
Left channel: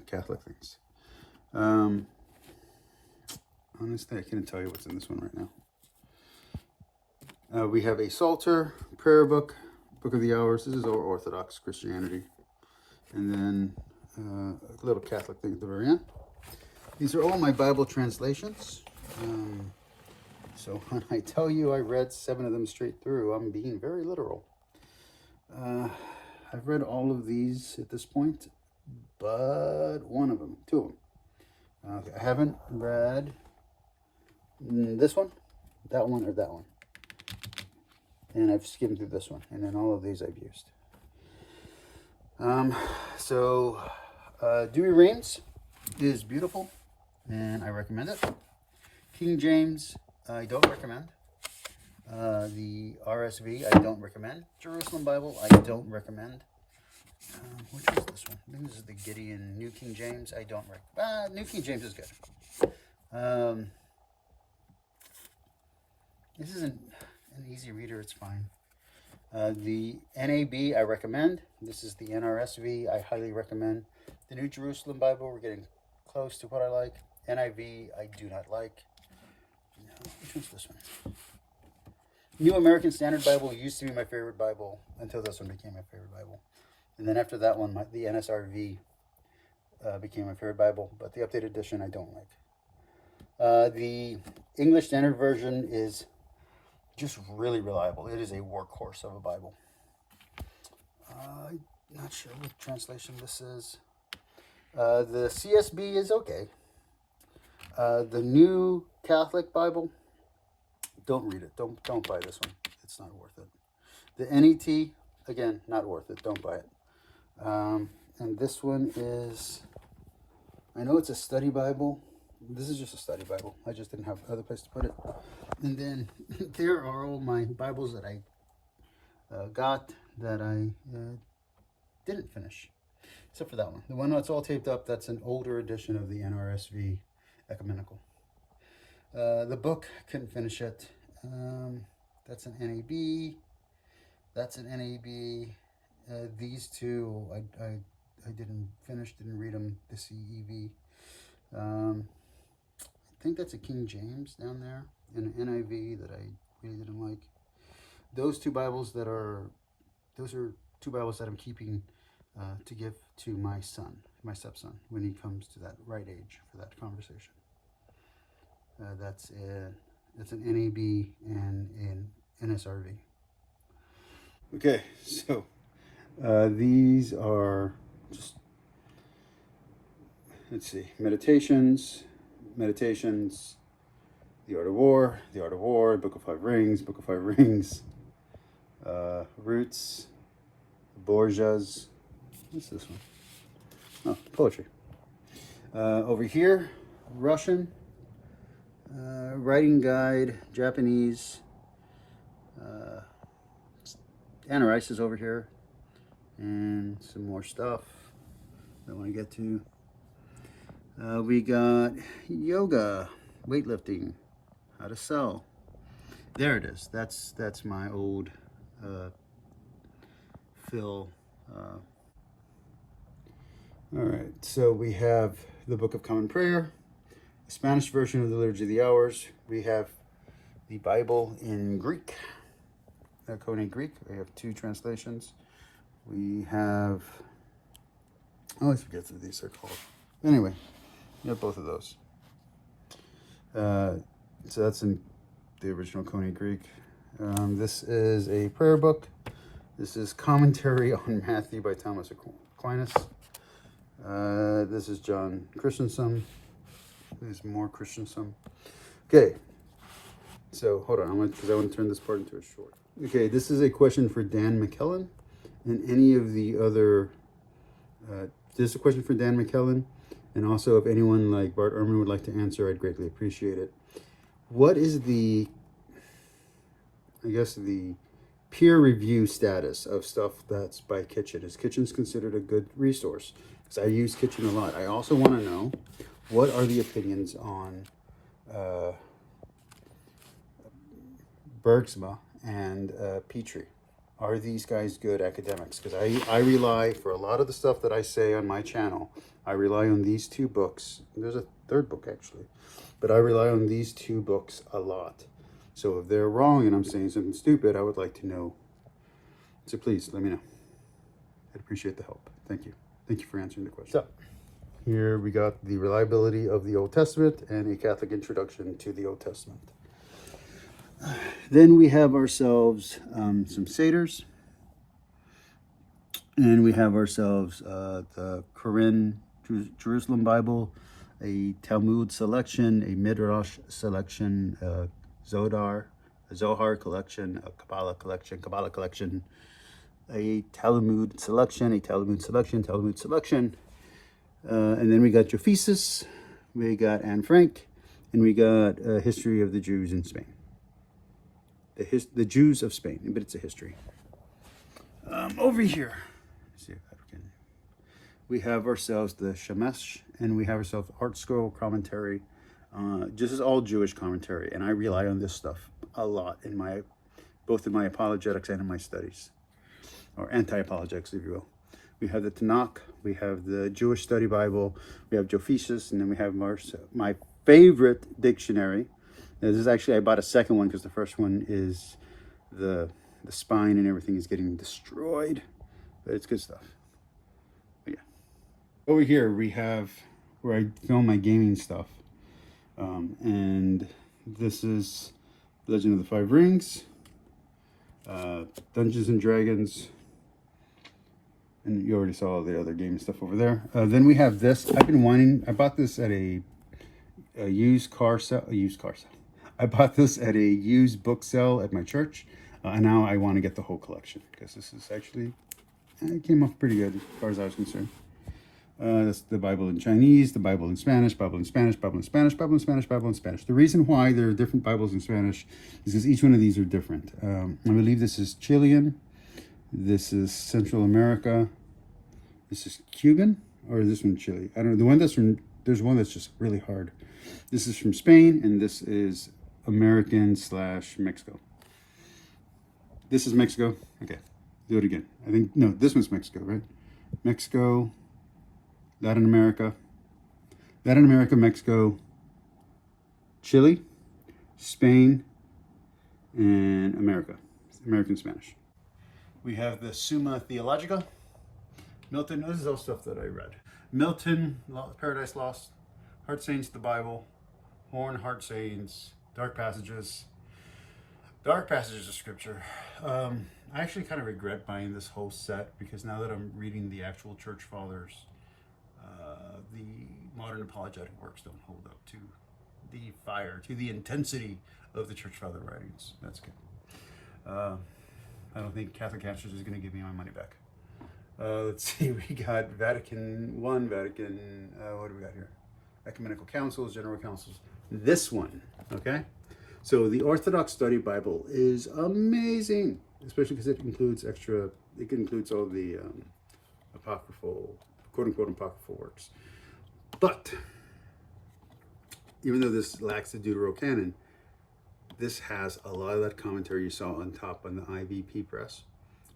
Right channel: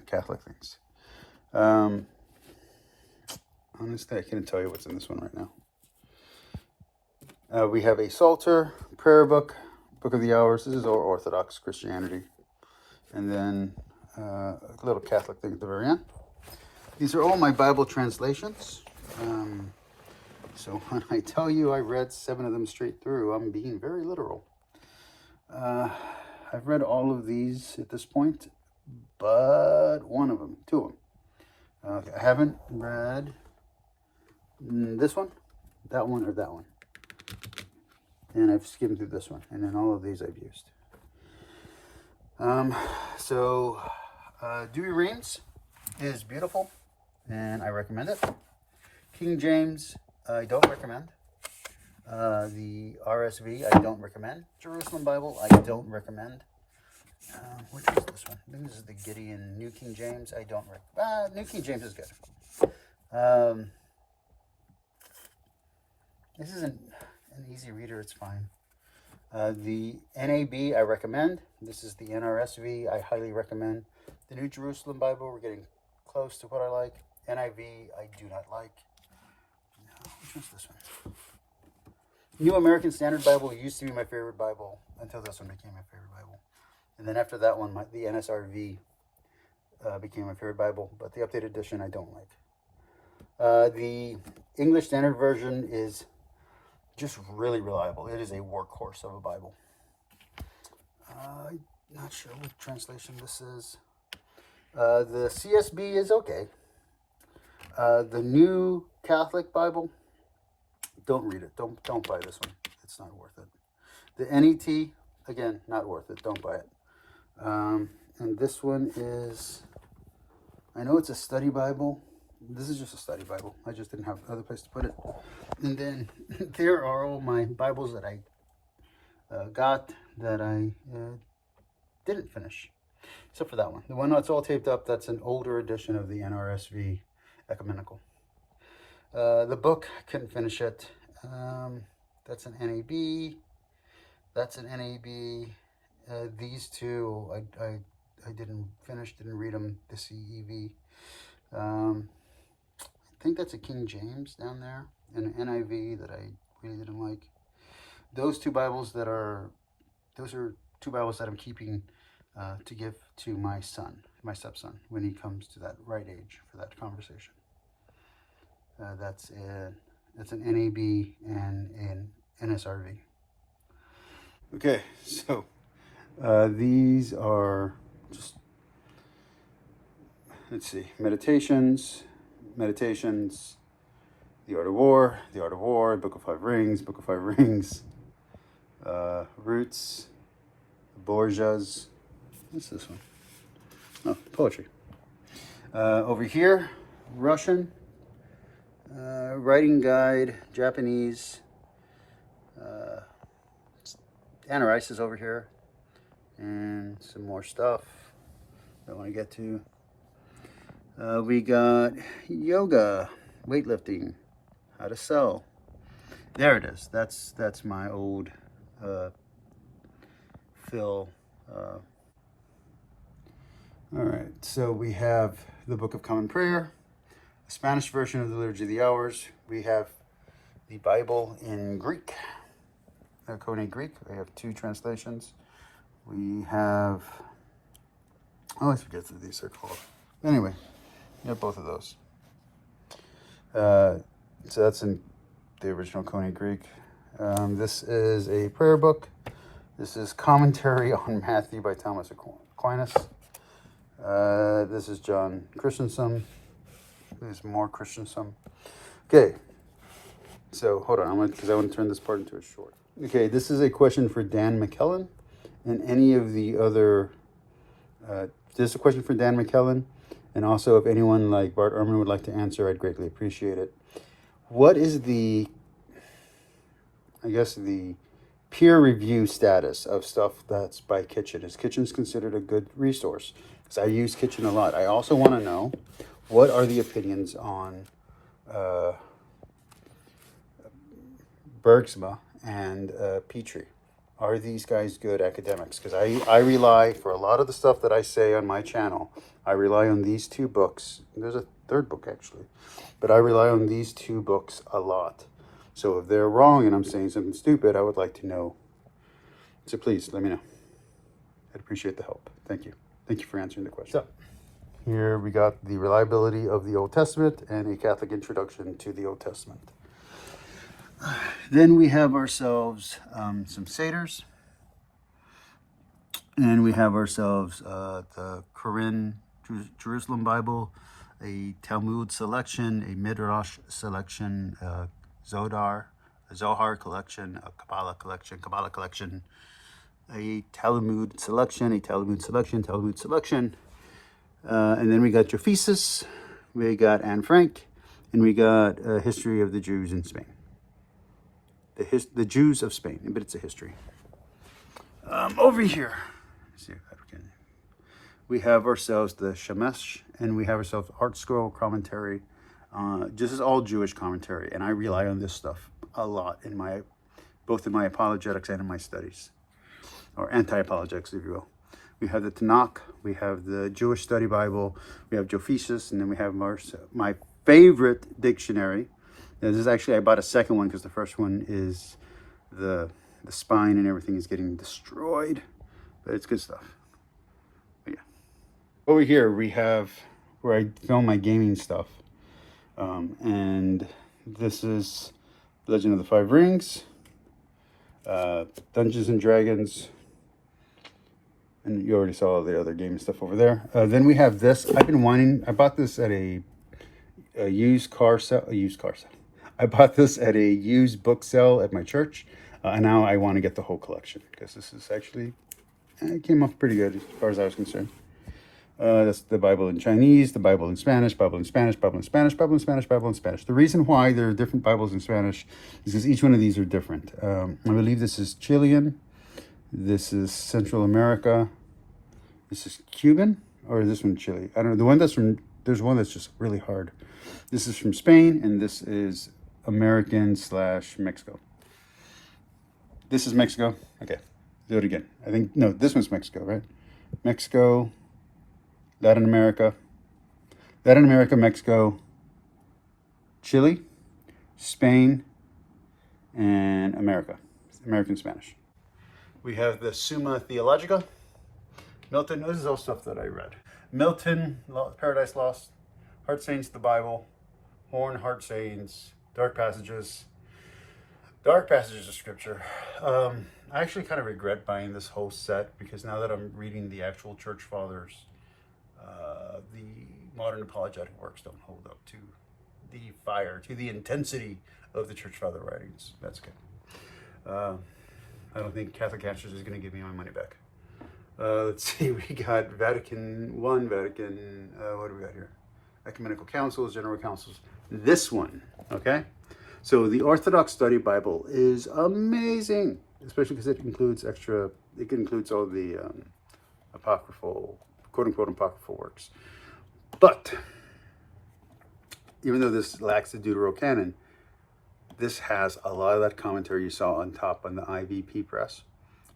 Catholic things. Honestly, I can't tell you what's in this one right now. We have a Psalter, prayer book, Book of the Hours. This is our Orthodox Christianity. And then a little Catholic thing at the very end. These are all my Bible translations. So when I tell you I read 7 of them straight through, I'm being very literal. I've read all of these at this point, but 2 of them. I haven't read this one, that one, or that one. And I've skimmed through this one, and then all of these I've used. Dewey Reigns is beautiful, and I recommend it. King James, I don't recommend. The RSV, I don't recommend. Jerusalem Bible, I don't recommend. Which was this one? I think this is the Gideon New King James. I don't recommend. New King James is good. This isn't an easy reader, it's fine. The NAB, I recommend. This is the NRSV, I highly recommend. The New Jerusalem Bible, we're getting close to what I like. NIV, I do not like. Which one's this one? New American Standard Bible used to be my favorite Bible until this one became my favorite Bible. And then after that one, the NSRV became my favorite Bible, but the updated edition I don't like. The English Standard Version is just really reliable. It is a workhorse of a Bible. not sure what translation this is. The CSB is okay. The New Catholic Bible, don't read it. Don't buy this one. It's not worth it. The NET, again, not worth it. Don't buy it. And this one is, I know it's a study Bible. This is just a study Bible. I just didn't have other place to put it. And then there are all my Bibles that I got that I didn't finish, except for that one. The one that's all taped up, that's an older edition of the NRSV Ecumenical. The book, couldn't finish it. That's an NAB. That's an NAB. These two, I didn't finish, didn't read them, the CEV. I think that's a King James down there, and an NIV that I really didn't like. Those two Bibles those are two Bibles that I'm keeping to give to my son, my stepson, when he comes to that right age for that conversation. That's an NAB and an NSRV. Okay, so these are just, let's see, Meditations, The Art of War, Book of Five Rings, Roots, Borgias. What's this one? Oh, poetry. Over here, Russian, writing guide, Japanese. Anna Rice is over here, and some more stuff I want to get to. We got yoga, weightlifting, how to sell. There it is. That's my old Phil. All right, so we have the Book of Common Prayer, the Spanish version of the Liturgy of the Hours. We have the Bible in Greek, Koine Greek. I have two translations. We have, oh, I forget what these are called. Anyway, we have both of those. So that's in the original Koine Greek. This is a prayer book. This is Commentary on Matthew by Thomas Aquinas. This is John Christensen. There's more Christensen. Okay, so hold on, because I want to turn this part into a short. Okay, this is a question for Dan McClellan and any of the other. This is a question for Dan McClellan, and also if anyone like Bart Ehrman would like to answer, I'd greatly appreciate it. What is the, I guess, the peer review status of stuff that's by Kitchen? Is Kitchen's considered a good resource? Because I use Kitchen a lot. I also want to know, what are the opinions on Bergsma and Petrie? Are these guys good academics? Because I rely, for a lot of the stuff that I say on my channel, I rely on these two books. There's a third book, actually. But I rely on these two books a lot. So if they're wrong and I'm saying something stupid, I would like to know. So please, let me know. I'd appreciate the help. Thank you. Thank you for answering the question. So, here we got the reliability of the Old Testament and a Catholic introduction to the Old Testament. Then we have ourselves some Seders. And we have ourselves the Koran Jerusalem Bible, a Talmud selection, a Midrash selection, Zohar collection, a Kabbalah collection, a Talmud selection, and then we got Josephus, we got Anne Frank, and we got a history of the Jews in Spain. The Jews of Spain, but it's a history. Over here, let's see if I can. We have ourselves the Shemesh, and we have ourselves Art Scroll commentary. This is all Jewish commentary, and I rely on this stuff a lot in both in my apologetics and in my studies, or anti-apologetics, if you will. We have the Tanakh, we have the Jewish Study Bible, we have Josephus, and then we have my favorite dictionary. Now, this is actually, I bought a second one because the first one is the spine and everything is getting destroyed, but it's good stuff. But yeah. Over here we have where I film my gaming stuff. And this is Legend of the Five Rings, Dungeons and Dragons, And you already saw the other game stuff over there. Then we have this. I've been wanting. I bought this at a used car sale. I bought this at a used book sale at my church, and now I want to get the whole collection because this is actually it came off pretty good as far as I was concerned. That's the Bible in Chinese, the Bible in Spanish, Bible in Spanish, Bible in Spanish, Bible in Spanish, Bible in Spanish. The reason why there are different Bibles in Spanish is because each one of these are different. I believe this is Chilean. This is Central America. This is Cuban, or is this one Chile? I don't know. The one that's from, there's one that's just really hard. This is from Spain, and this is American/Mexico. This is Mexico. Okay, do it again. I think, no, this one's Mexico, right? Mexico, Latin America, Mexico, Chile, Spain, and America. American Spanish. We have the Summa Theologica. Milton, this is all stuff that I read. Milton, Paradise Lost, Heart Sayings, the Bible, Horn, Heart Sayings, Dark Passages of Scripture. I actually kind of regret buying this whole set because now that I'm reading the actual Church Fathers, the modern apologetic works don't hold up to the fire, to the intensity of the Church Father writings. That's good. I don't think Catholic Answers is going to give me my money back. Let's see, we got Vatican I, Vatican, what do we got here? Ecumenical Councils, General Councils. This one, okay? So the Orthodox Study Bible is amazing, especially because it includes all the apocryphal, quote-unquote apocryphal works. But even though this lacks the Deuterocanon, this has a lot of that commentary you saw on top on the IVP press,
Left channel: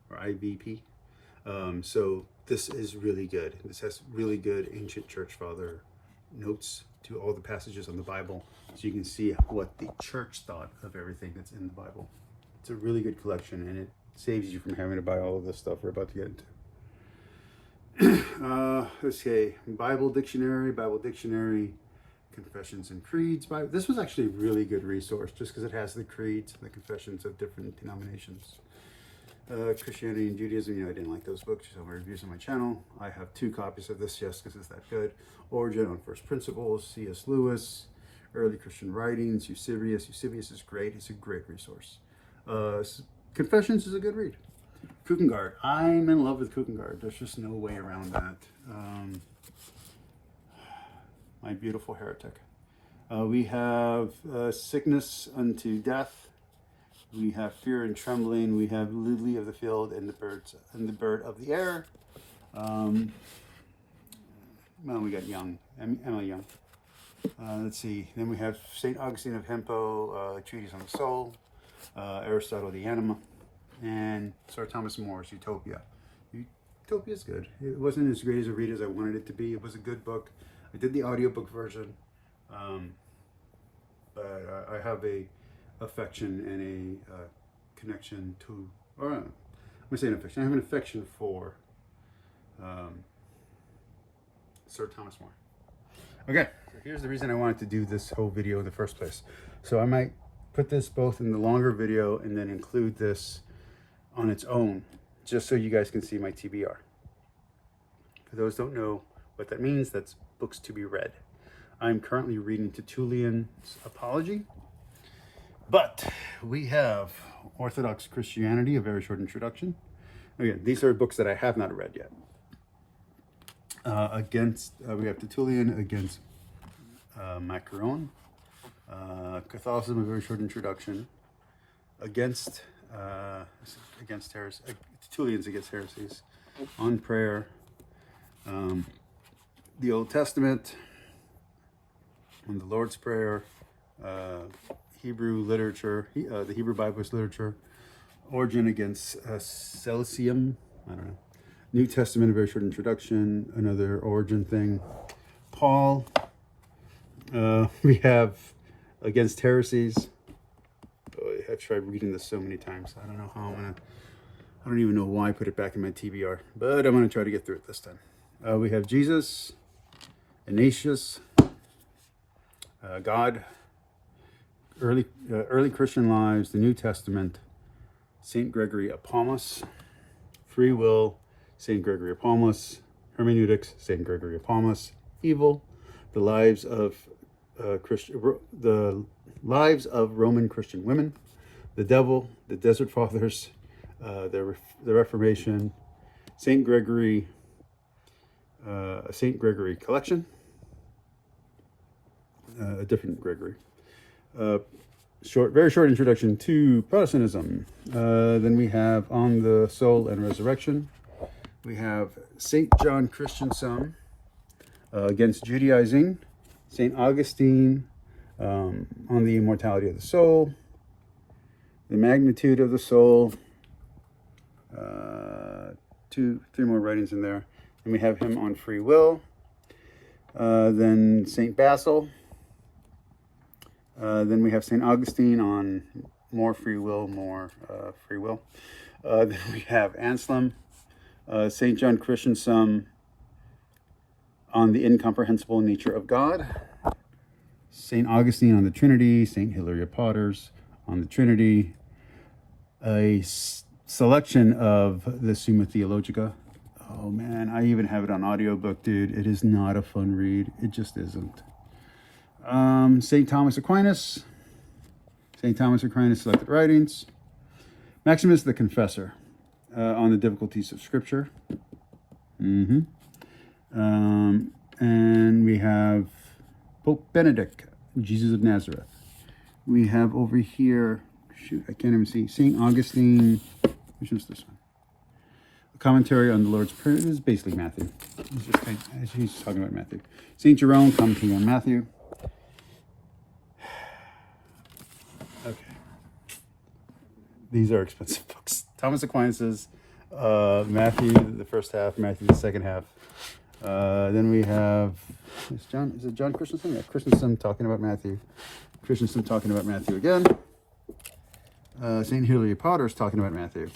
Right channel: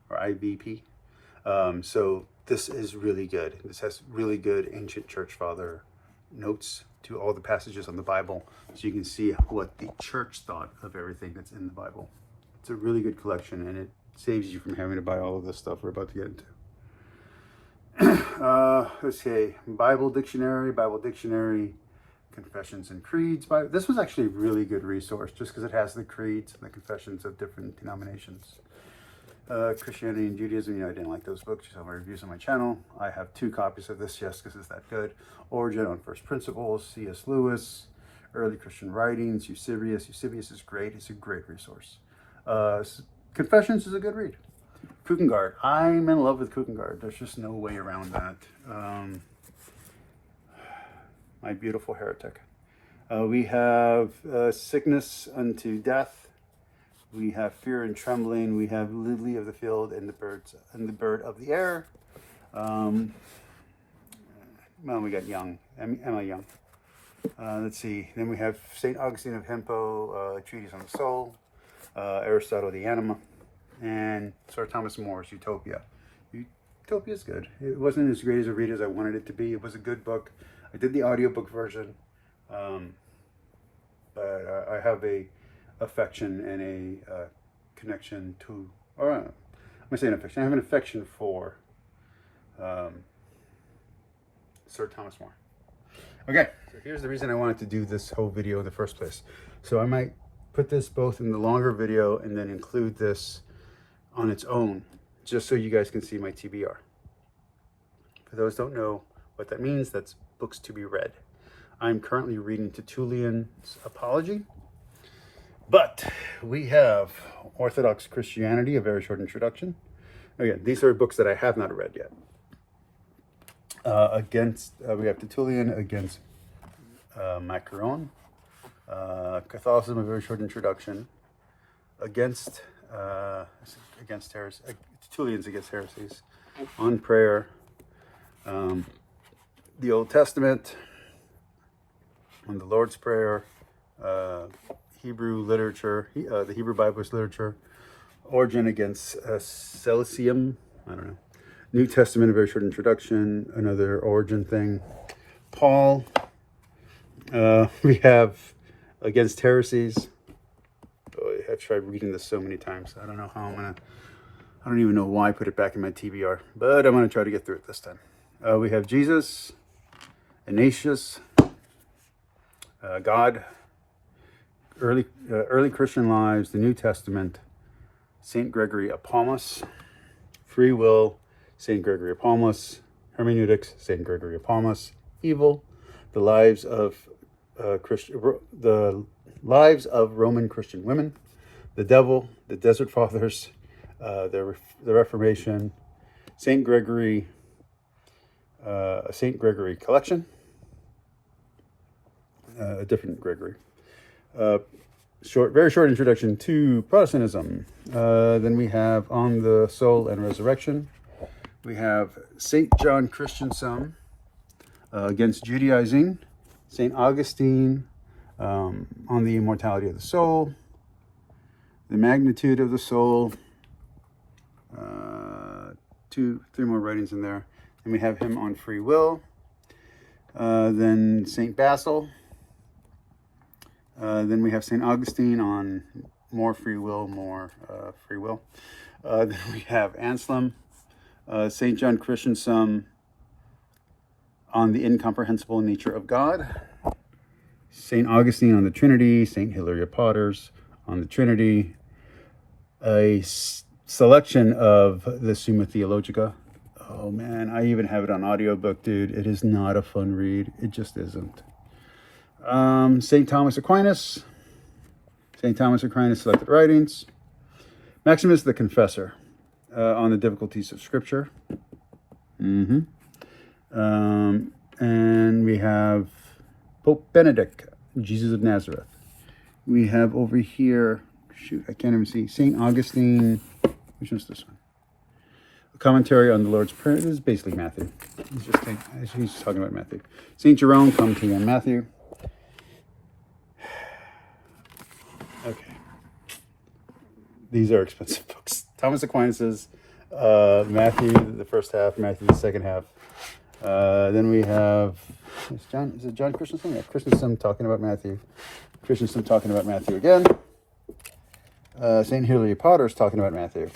or IVP. So this is really good. This has really good ancient church father notes to all the passages on the Bible, so you can see what the church thought of everything that's in the Bible. It's a really good collection, and it saves you from having to buy all of this stuff we're about to get into. Let's see, Bible Dictionary, Confessions and Creeds. This was actually a really good resource just because it has the creeds and the confessions of different denominations. Christianity and Judaism, I didn't like those books. You saw my reviews on my channel. I have 2 copies of this just because it's that good. Origin on First Principles, C.S. Lewis, Early Christian Writings, Eusebius. Eusebius is great. It's a great resource. Confessions is a good read. Kierkegaard. I'm in love with Kierkegaard. There's just no way around that. My Beautiful Heretic. We have Sickness unto Death. We have Fear and Trembling. We have Lily of the Field and the Bird of the Air. Well, we got Emma Young. Let's see. Then we have St. Augustine of Hippo, Treatise on the Soul, Aristotle, the Anima, and Sir Thomas More's Utopia. Utopia is good. It wasn't as great as a read as I wanted it to be. It was a good book. I did the audiobook version, but I have a affection and a connection to, or I'm going to say an affection. I have an affection for Sir Thomas More. Okay, so here's the reason I wanted to do this whole video in the first place. So I might put this both in the longer video and then include this on its own, just so you guys can see my TBR. For those who don't know what that means, that's books to be read. I'm currently reading Tertullian's Apology, but we have Orthodox Christianity, a very short introduction. Again, these are books that I have not read yet. We have Tertullian against Macaron. Catholicism, a very short introduction. Against heresy. Tertullian's against heresies. On prayer. The Old Testament. On the Lord's Prayer. Hebrew literature, the Hebrew Bible's literature, Origin against Celsium, I don't know. New Testament, a very short introduction, another Origin thing. Paul, we have Against Heresies. Oh, I've tried reading this so many times. I don't know how I don't even know why I put it back in my TBR, but I'm gonna try to get through it this time. We have Jesus, Ignatius, God, early Christian lives, the New Testament, St. Gregory of Palmas, free will, St. Gregory of Palmas. Hermeneutics, St. Gregory of Palmas. Evil, the lives of Roman Christian women. The Devil, the Desert Fathers, the Reformation, St. Gregory collection, a different Gregory. Very short introduction to Protestantism. Then we have On the Soul and Resurrection. We have St. John Chrysostom against Judaizing. St. Augustine on the immortality of the soul. The magnitude of the soul. 3 more writings in there. And we have him on free will. Then St. Basil. Then we have St. Augustine on more free will. Then we have Anselm. St. John Chrysostom on the incomprehensible nature of God. St. Augustine on the Trinity. St. Hilary of Potters on the Trinity. A selection of the Summa Theologica. Oh man, I even have it on audiobook, dude. It is not a fun read. It just isn't. St. Thomas Aquinas. St. Thomas Aquinas Selected Writings. Maximus the Confessor on the difficulties of Scripture. And we have Pope Benedict, Jesus of Nazareth. We have over here, shoot, I can't even see, St. Augustine. Which one's this one? A commentary on the Lord's Prayer. This is basically Matthew. He's talking about Matthew. St. Jerome, commentary on Matthew. Okay. These are expensive books. Thomas Aquinas's Matthew, the first half, Matthew, the second half. Then we have, is it John Chrysostom? Yeah, Chrysostom talking about Matthew. Chrysostom talking about Matthew again. St. Hilary of Potters talking about Matthew.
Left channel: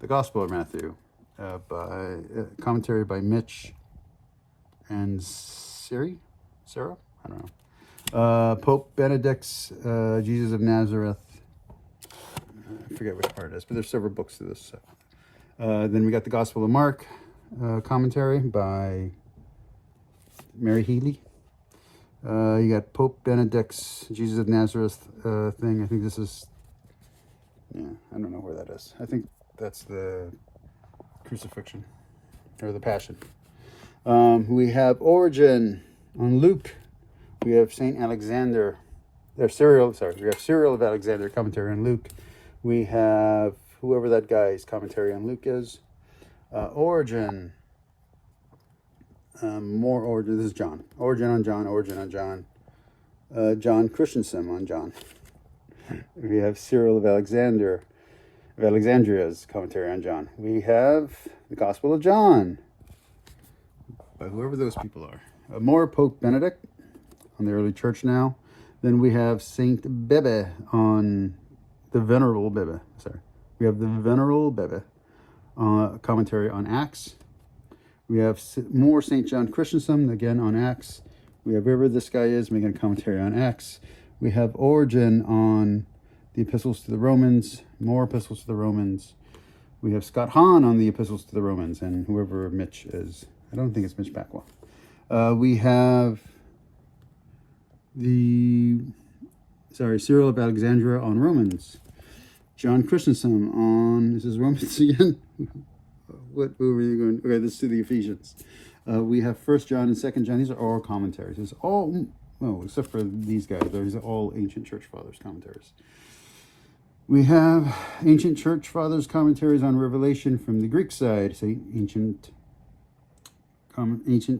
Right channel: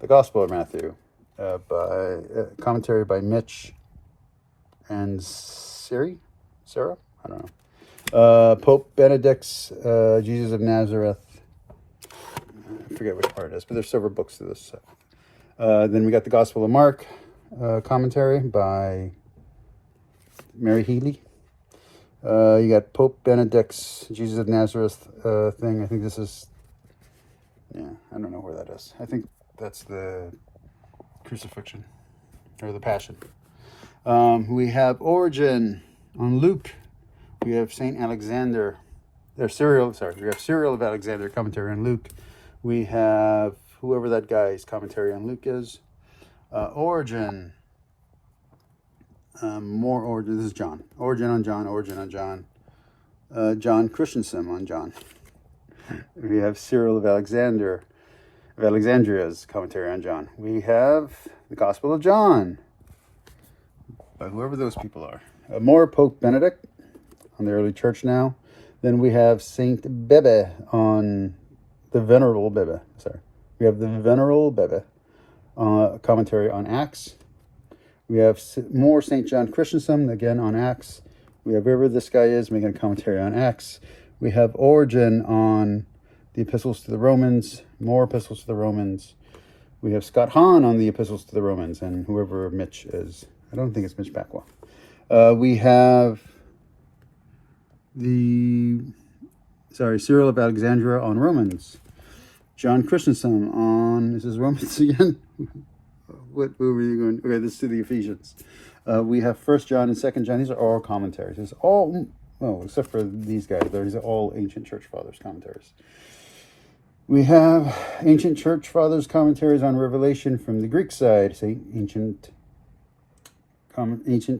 The Gospel of Matthew. By commentary by Mitch and Sarah? I don't know. Pope Benedict's Jesus of Nazareth. I forget which part it is, but there's several books to this. Then we got the Gospel of Mark commentary by Mary Healy. You got Pope Benedict's Jesus of Nazareth thing. I think this is, I don't know where that is. I think that's the crucifixion or the passion. We have Origen on Luke. We have St. Alexander. We have Cyril of Alexander commentary on Luke. We have whoever that guy's commentary on Luke is. Origen. More Origen. This is John. Origen on John. John Chrysostom on John. We have Cyril of Alexandria's commentary on John. We have the Gospel of John by whoever those people are. More Pope Benedict on the early church now. Then we have Saint Bebe on the Venerable Bebe. We have the Venerable Bebe commentary on Acts. We have more St. John Chrysostom again on Acts. We have whoever this guy is making a commentary on Acts. We have Origen on the Epistles to the Romans, more Epistles to the Romans. We have Scott Hahn on the Epistles to the Romans, and whoever Mitch is. I don't think it's Mitch Backwell. We have Cyril of Alexandria on Romans. John Chrysostom on, this is Romans again? Where were you going? Okay, this is to the Ephesians. We have 1 John and 2 John. These are all commentaries. It's all, well, except for these guys. These are all ancient church fathers commentaries. We have ancient church fathers commentaries on Revelation from the Greek side. Say ancient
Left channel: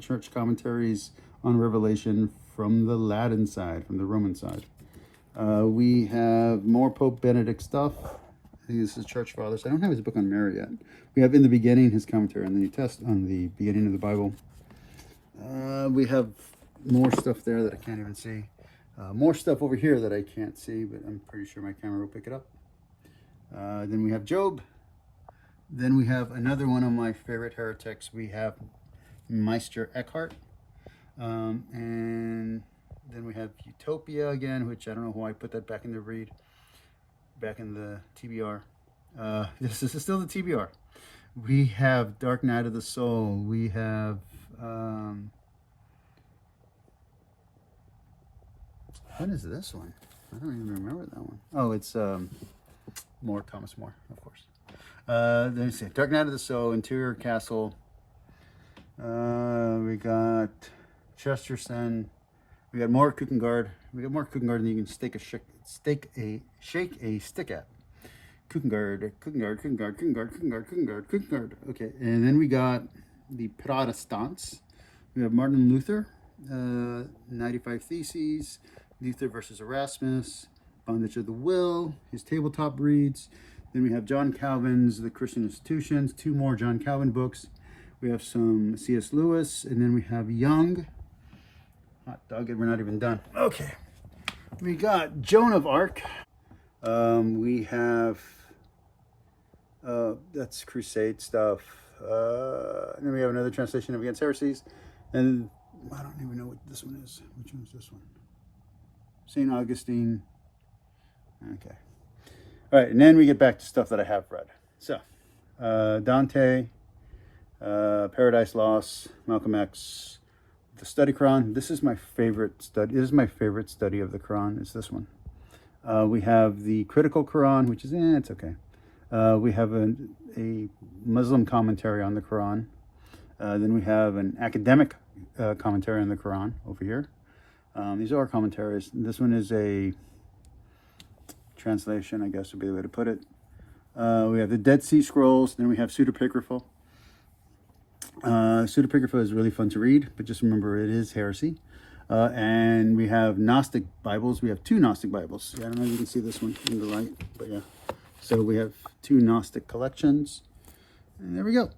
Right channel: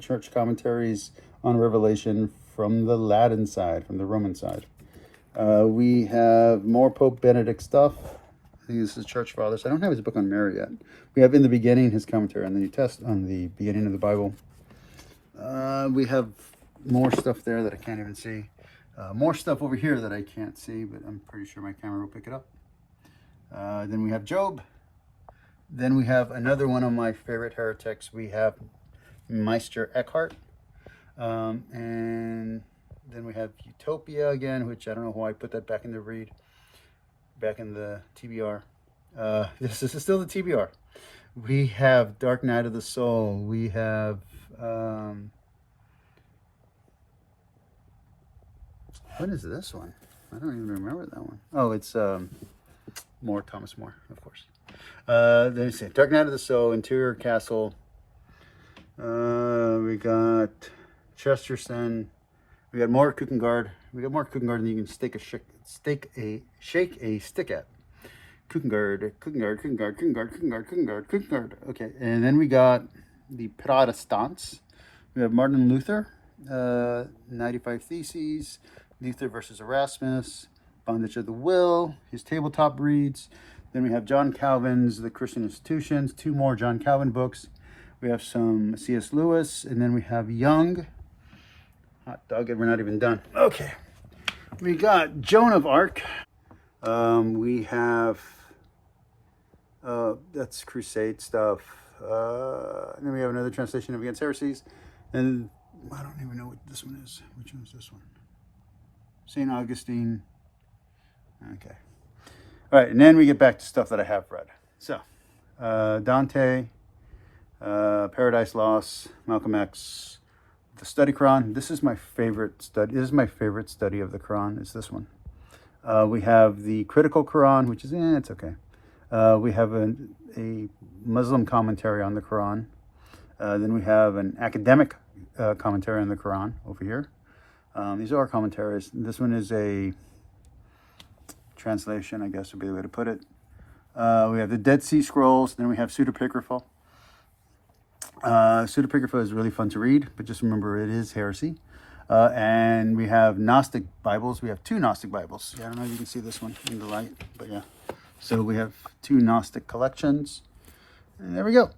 church commentaries on Revelation from the Latin side, from the Roman side. We have more Pope Benedict stuff. I think this is Church Fathers. I don't have his book on Mary yet. We have in the beginning his commentary on the New Testament, on the beginning of the Bible. We have more stuff there that I can't even see. More stuff over here that I can't see, but I'm pretty sure my camera will pick it up. Then we have Job. Then we have another one of my favorite heretics. We have Meister Eckhart. And then we have Utopia again, which I don't know why I put that back in the read, back in the TBR. This is still the TBR. We have Dark Night of the Soul. We have what is this one? I don't even remember that one. Oh, it's Thomas More, of course. Let me see. Dark Night of the Soul, Interior Castle. We got Chesterton. We got more Kierkegaard. We got more Kierkegaard than you can shake a stick at. Kierkegaard. Okay, and then we got the Protestants. We have Martin Luther, 95 Theses, Luther versus Erasmus, Bondage of the Will, his tabletop reads. Then we have John Calvin's The Christian Institutions, 2 more John Calvin books. We have some C.S. Lewis, and then we have Young. Hot dog, and we're not even done. Okay, we got Joan of Arc. We have that's Crusade stuff. And then we have another translation of Against Heresies, and I don't even know what this one is. Which one is this one? St. Augustine. Okay. All right, and then we get back to stuff that I have read. So, Dante, Paradise Lost, Malcolm X, the Study Quran. This is my favorite study. This is my favorite study of the Quran. Is this one? We have the Critical Quran, which is it's okay. We have a Muslim commentary on the Quran. Then we have an academic commentary on the Quran over here. These are commentaries. This one is a translation, I guess would be the way to put it. We have the Dead Sea Scrolls. Then we have Pseudepigrapha. Pseudepigrapha is really fun to read, but just remember it is heresy. And we have Gnostic Bibles. We have 2 Gnostic Bibles. I don't know if you can see this one in the light, but yeah. So we have 2 Gnostic collections. And there we go.